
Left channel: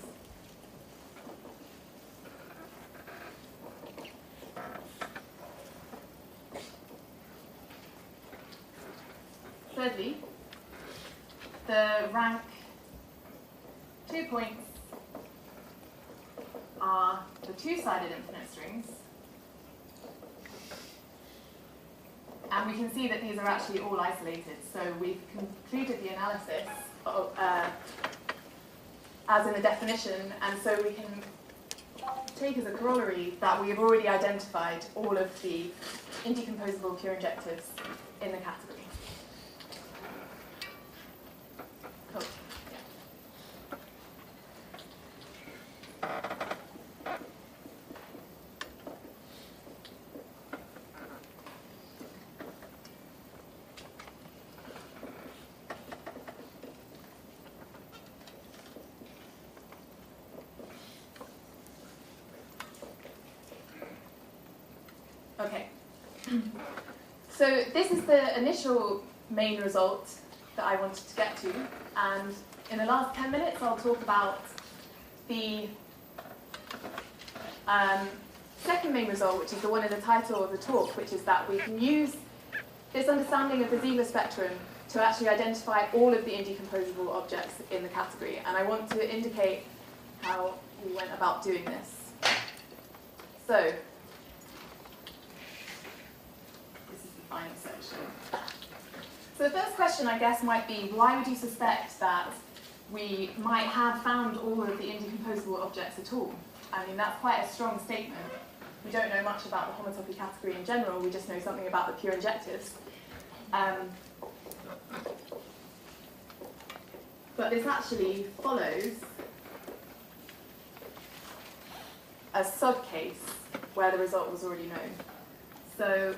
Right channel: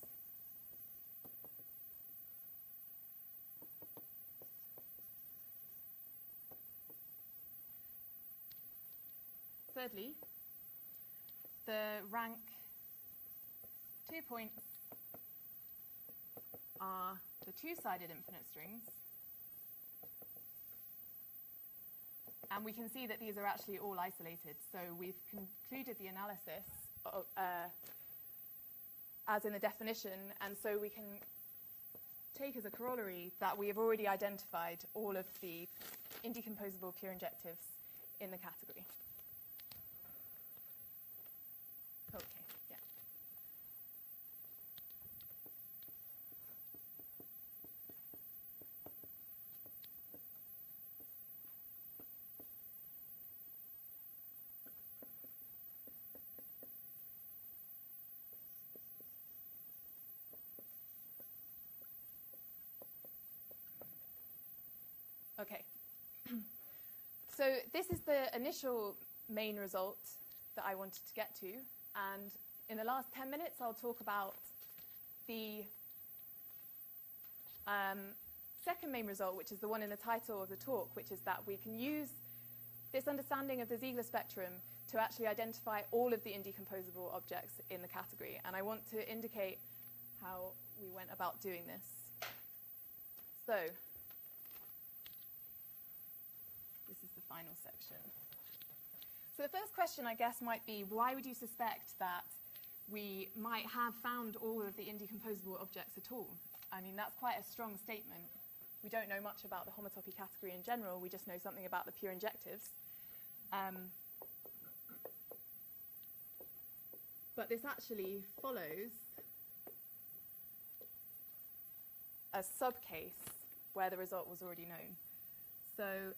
Thirdly, the rank 2 points are the two-sided infinite strings. And we can see that these are actually all isolated. So we've concluded the analysis as in the definition, and so we can take as a corollary that we have already identified all of the indecomposable pure injectives in the category. Cool. Okay, so this is the initial main result that I wanted to get to, and in the last 10 minutes I'll talk about the second main result, which is the one in the title of the talk, which is that we can use this understanding of the Ziegler spectrum to actually identify all of the indecomposable objects in the category, and I want to indicate how we went about doing this. So, final section. So the first question, I guess, might be, why would you suspect that we might have found all of the indecomposable objects at all? I mean, that's quite a strong statement. We don't know much about the homotopy category in general, we just know something about the pure injectives. But this actually follows a sub-case where the result was already known. So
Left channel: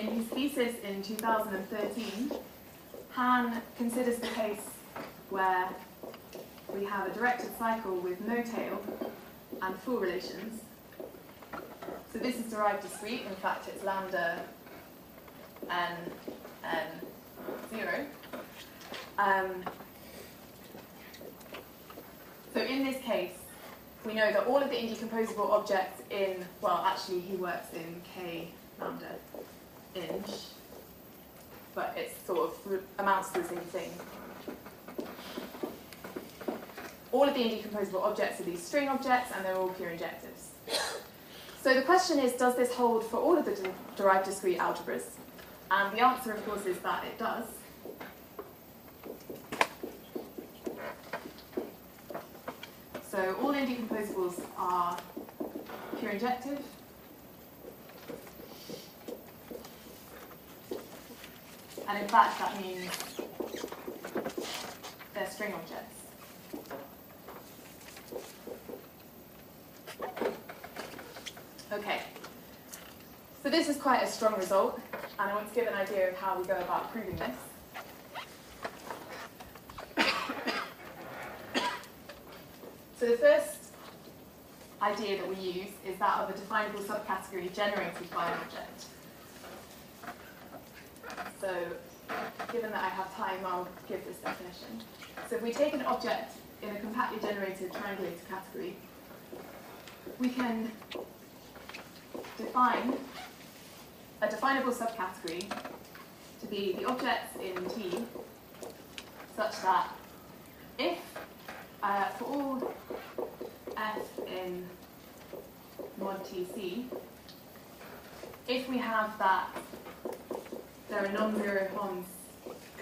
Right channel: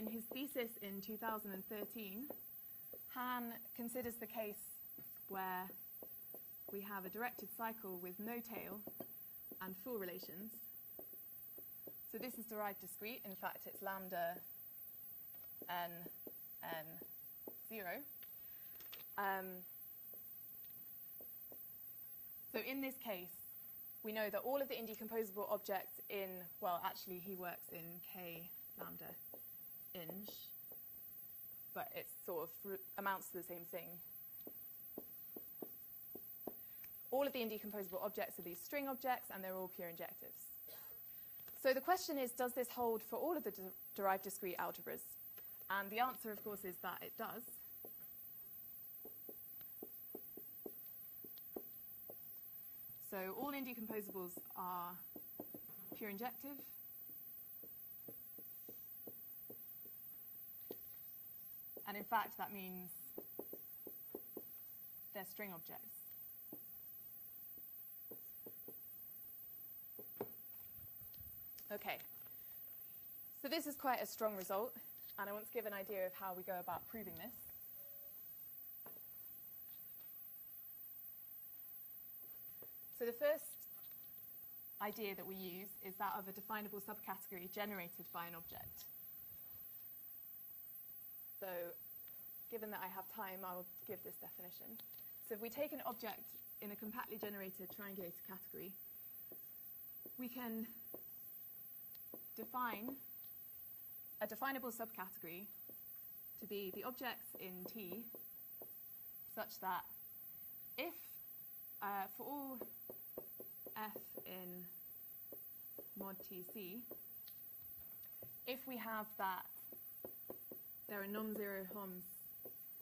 in his thesis in 2013, Han considers the case where we have a directed cycle with no tail and full relations. So this is derived discrete. In fact, it's lambda n 0. So in this case, we know that all of the indecomposable objects in, well, actually he works in k lambda inch, but it sort of amounts to the same thing. All of the indecomposable objects are these string objects, and they're all pure injectives. So the question is, does this hold for all of the derived discrete algebras? And the answer, of course, is that it does. So all indecomposables are pure injective. And in fact, that means they're string objects. Okay. So this is quite a strong result, and I want to give an idea of how we go about proving this. So the first idea that we use is that of a definable subcategory generated by an object. So given that I have time, I'll give this definition. So if we take an object in a compactly generated triangulated category, we can define a definable subcategory to be the objects in T such that if for all f in mod Tc, if we have that there are non-zero Homs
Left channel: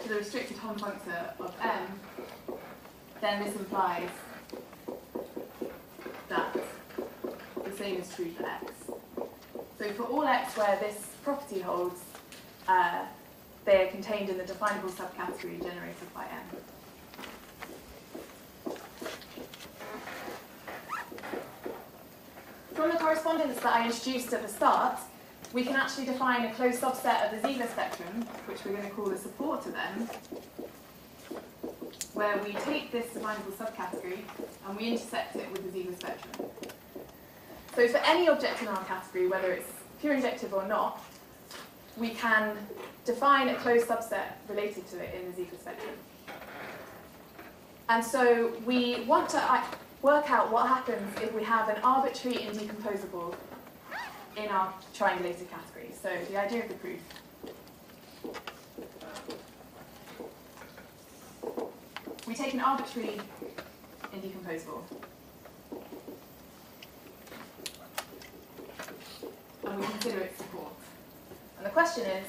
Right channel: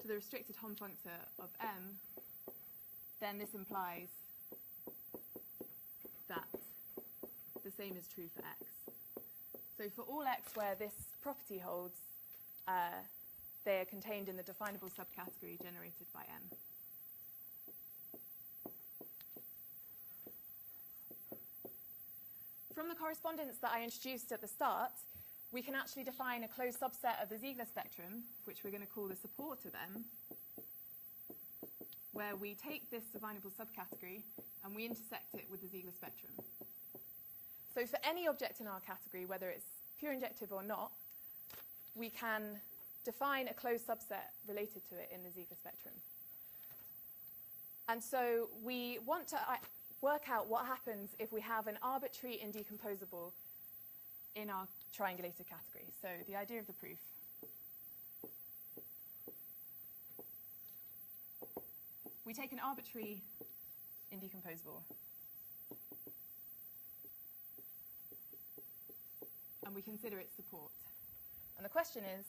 to the restricted Hom functor of m, then this implies that the same is true for x. So for all x where this property holds, they are contained in the definable subcategory generated by m. From the correspondence that I introduced at the start, we can actually define a closed subset of the Ziegler spectrum, which we're going to call the support of m, where we take this definable subcategory and we intersect it with the Ziegler spectrum. So for any object in our category, whether it's pure injective or not, we can define a closed subset related to it in the Ziegler spectrum. And so we want to work out what happens if we have an arbitrary indecomposable in our triangulated category. So the idea of the proof. We take an arbitrary indecomposable and we consider its support. And the question is,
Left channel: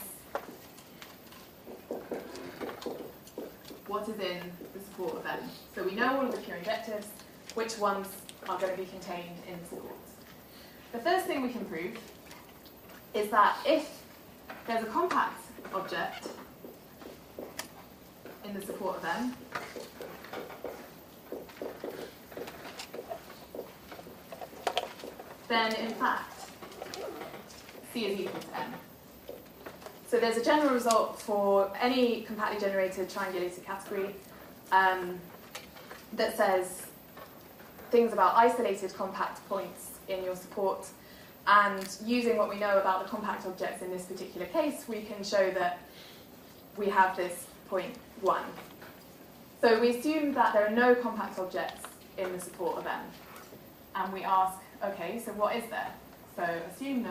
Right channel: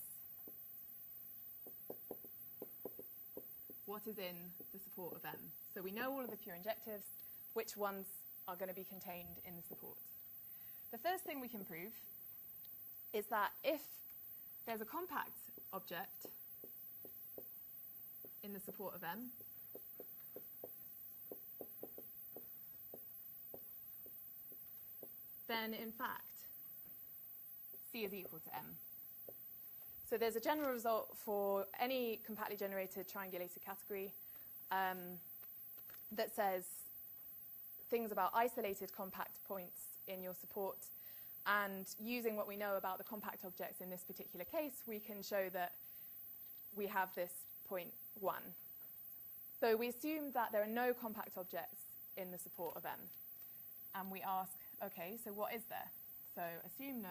what is in the support of m? So we know all of the pure injectives, which ones are going to be contained in the support. The first thing we can prove is that if there's a compact object in the support of m, then in fact C is equal to m. So there's a general result for any compactly generated triangulated category that says things about isolated compact points in your support, and using what we know about the compact objects in this particular case, we can show that we have this point 1. So we assume that there are no compact objects in the support of m, and we ask, okay, so what is there? So assume no.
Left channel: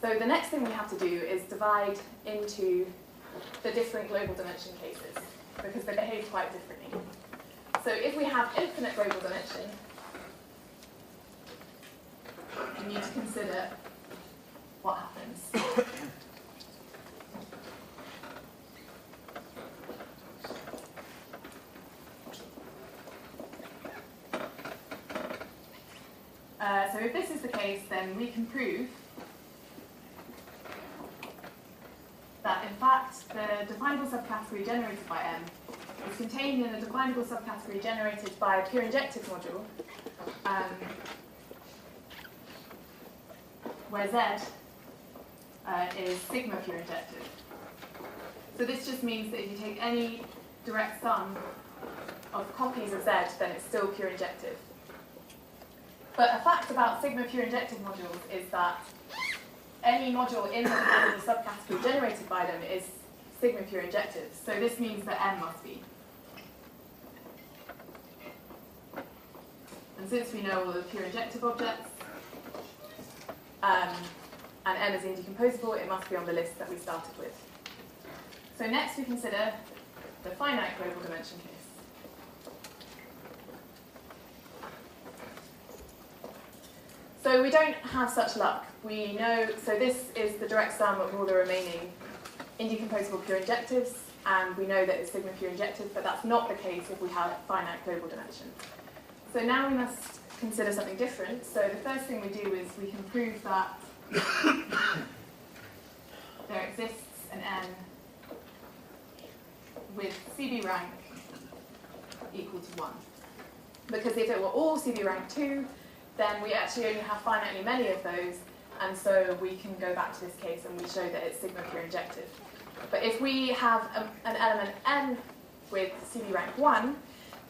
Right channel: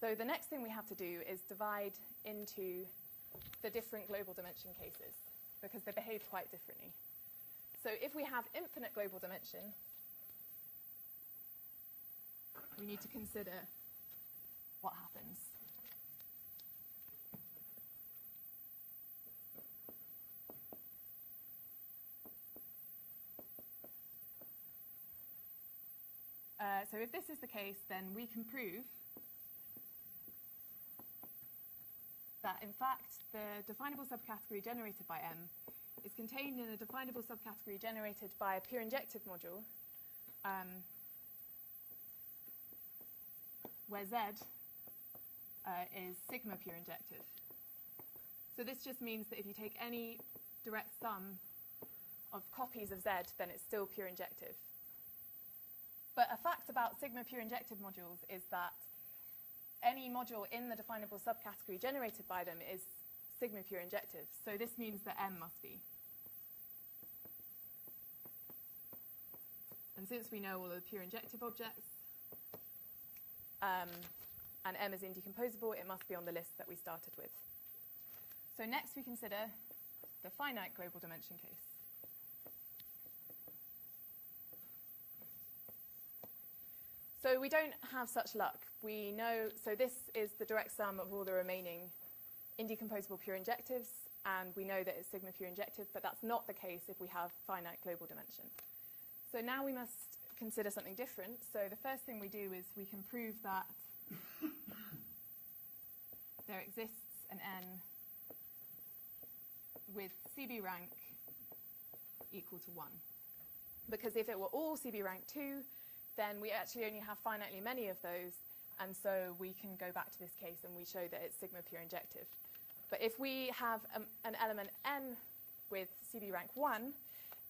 So the next thing we have to do is divide into the different global dimension cases, because they behave quite differently. So if we have infinite global dimension, we need to consider what happens. So if this is the case, then we can prove that in fact the a definable subcategory generated by M is contained in a definable subcategory generated by a pure injective module, where Z is sigma pure injective. So this just means that if you take any direct sum of copies of Z, then it's still pure injective. But a fact about sigma pure injective modules is that any module in the subcategory generated by them is sigma pure injective. So this means that M must be. And since we know all the pure injective objects, and M is indecomposable, it must be on the list that we started with. So next we consider the finite global dimension case. So we don't have such luck. We know, so this is the direct sum of all the remaining indecomposable pure injectives, and we know that it's sigma pure injective, but that's not the case if we have finite global dimension. So now we must consider something different. So the first thing we do is we can prove that there exists an N with CB rank equal to 1. Because if it were all CB rank 2, then we actually only have finitely many of those, and so we can go back to this case and we show that it's sigma pure injective. But if we have an element N with CB rank 1,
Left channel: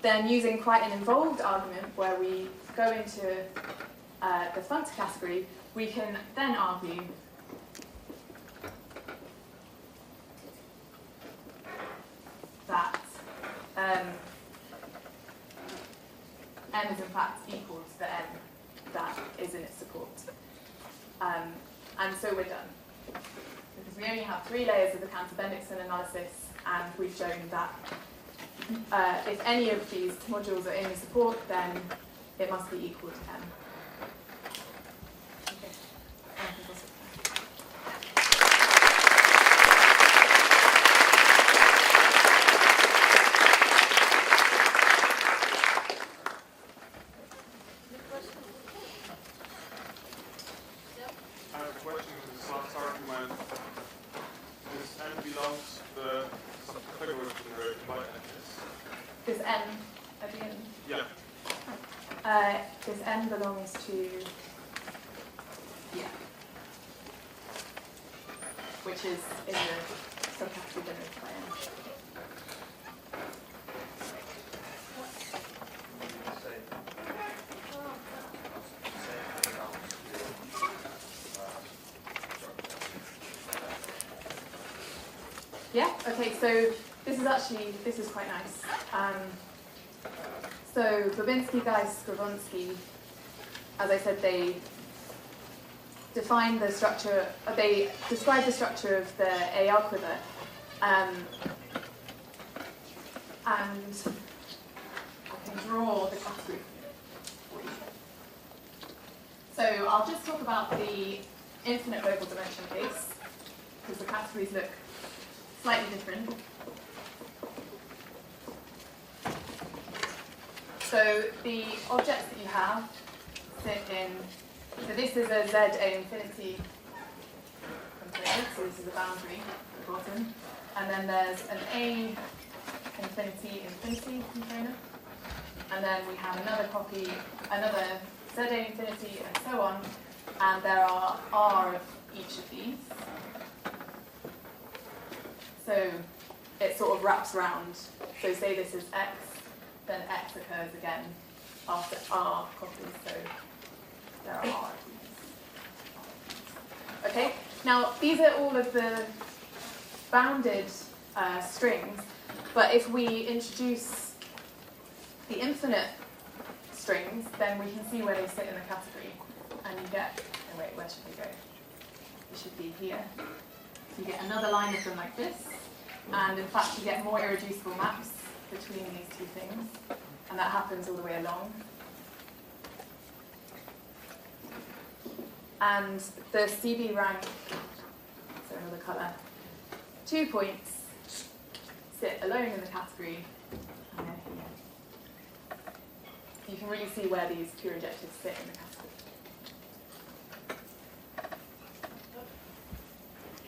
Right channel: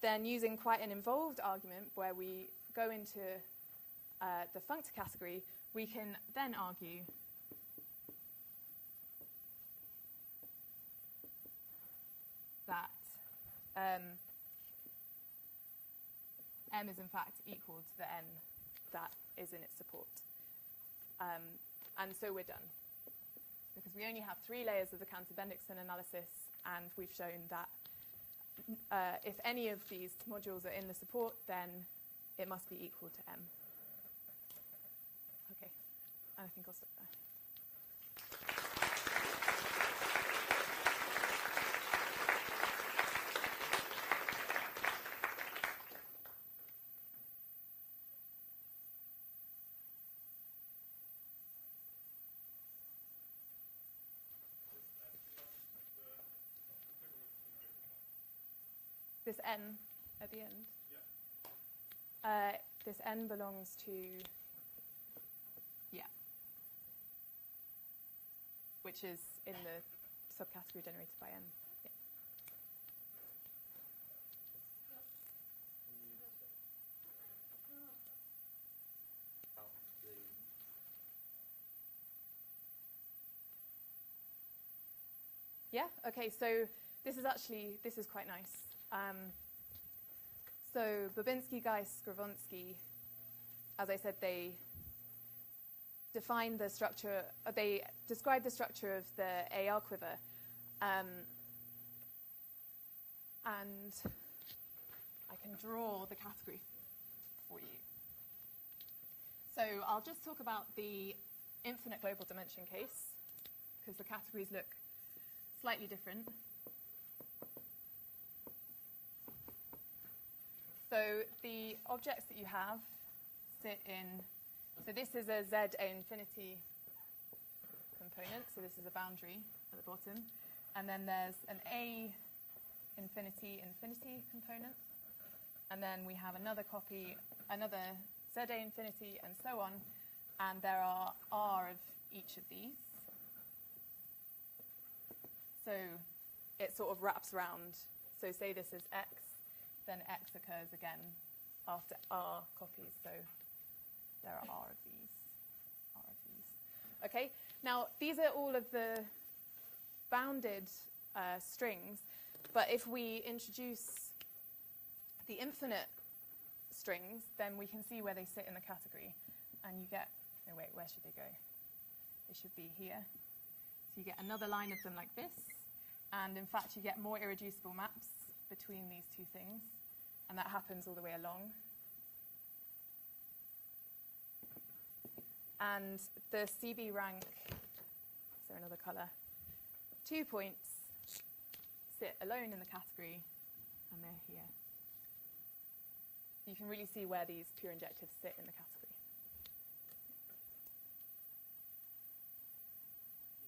then using quite an involved argument where we go into the functor category, we can then argue that M is in fact equal to the N that is in its support. And so we're done. Because we only have 3 layers of the Cantor-Bendixson analysis, and we've shown that if any of these modules are in the support, then it must be equal to M. Okay. I have a question to this last argument. This N belongs to the subcategory generated by N, yes? This N at the end? Yeah. This N belongs to, yeah, which is in the subcategory generated by N. Yeah, okay, so this is quite nice. So Babinski, Geis, Skravonsky, as I said, they define the structure, they describe the structure of the A algebra, and I can draw the category for you. So I'll just talk about the infinite global dimension case, because the categories look slightly different. So the objects that you have sit in, so this is a ZA infinity container, so this is a boundary at the bottom, and then there's an A infinity container, and then we have another copy, another ZA infinity, and so on, and there are R of each of these. So it sort of wraps around, so say this is X, then X occurs again after R copies, so there are R. Okay, now these are all of the bounded strings, but if we introduce the infinite strings, then we can see where they sit in the category, and you get, oh wait, where should we go? It should be here. So you get another line of them like this, and in fact you get more irreducible maps between these two things, and that happens all the way along. And the CB rank, so another colour, 2 points sit alone in the category, and then here. You can really see where these pure injectives sit in the category.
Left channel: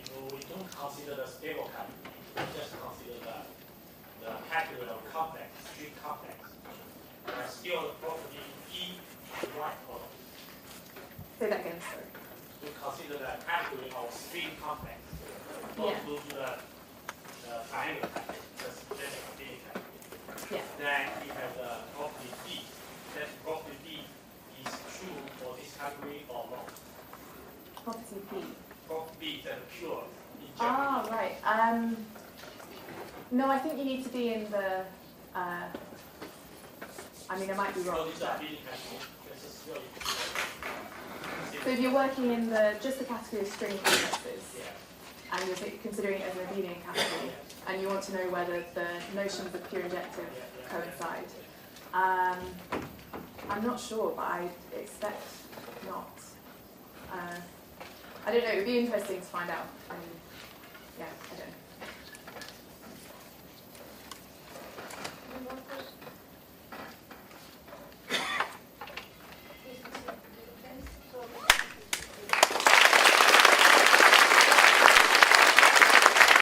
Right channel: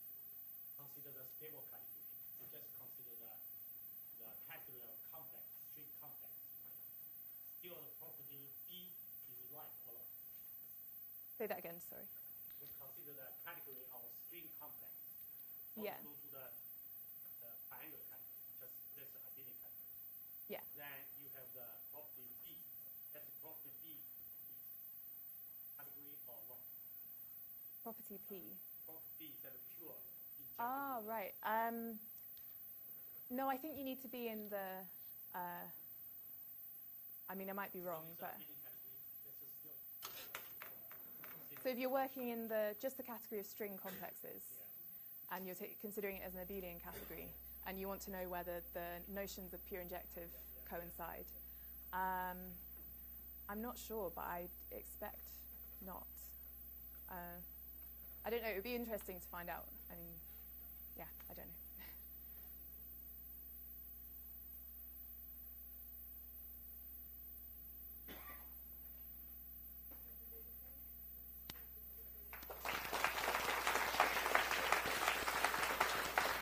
If we don't consider the stable category, No, I think you need to be in the. I mean, I might be wrong. But, so if you're working in just the category of string complexes, and you're considering it as an abelian category, and you want to know whether the notions of pure injective coincide, I'm not sure, but I expect not. I don't know. It would be interesting to find out. Yeah.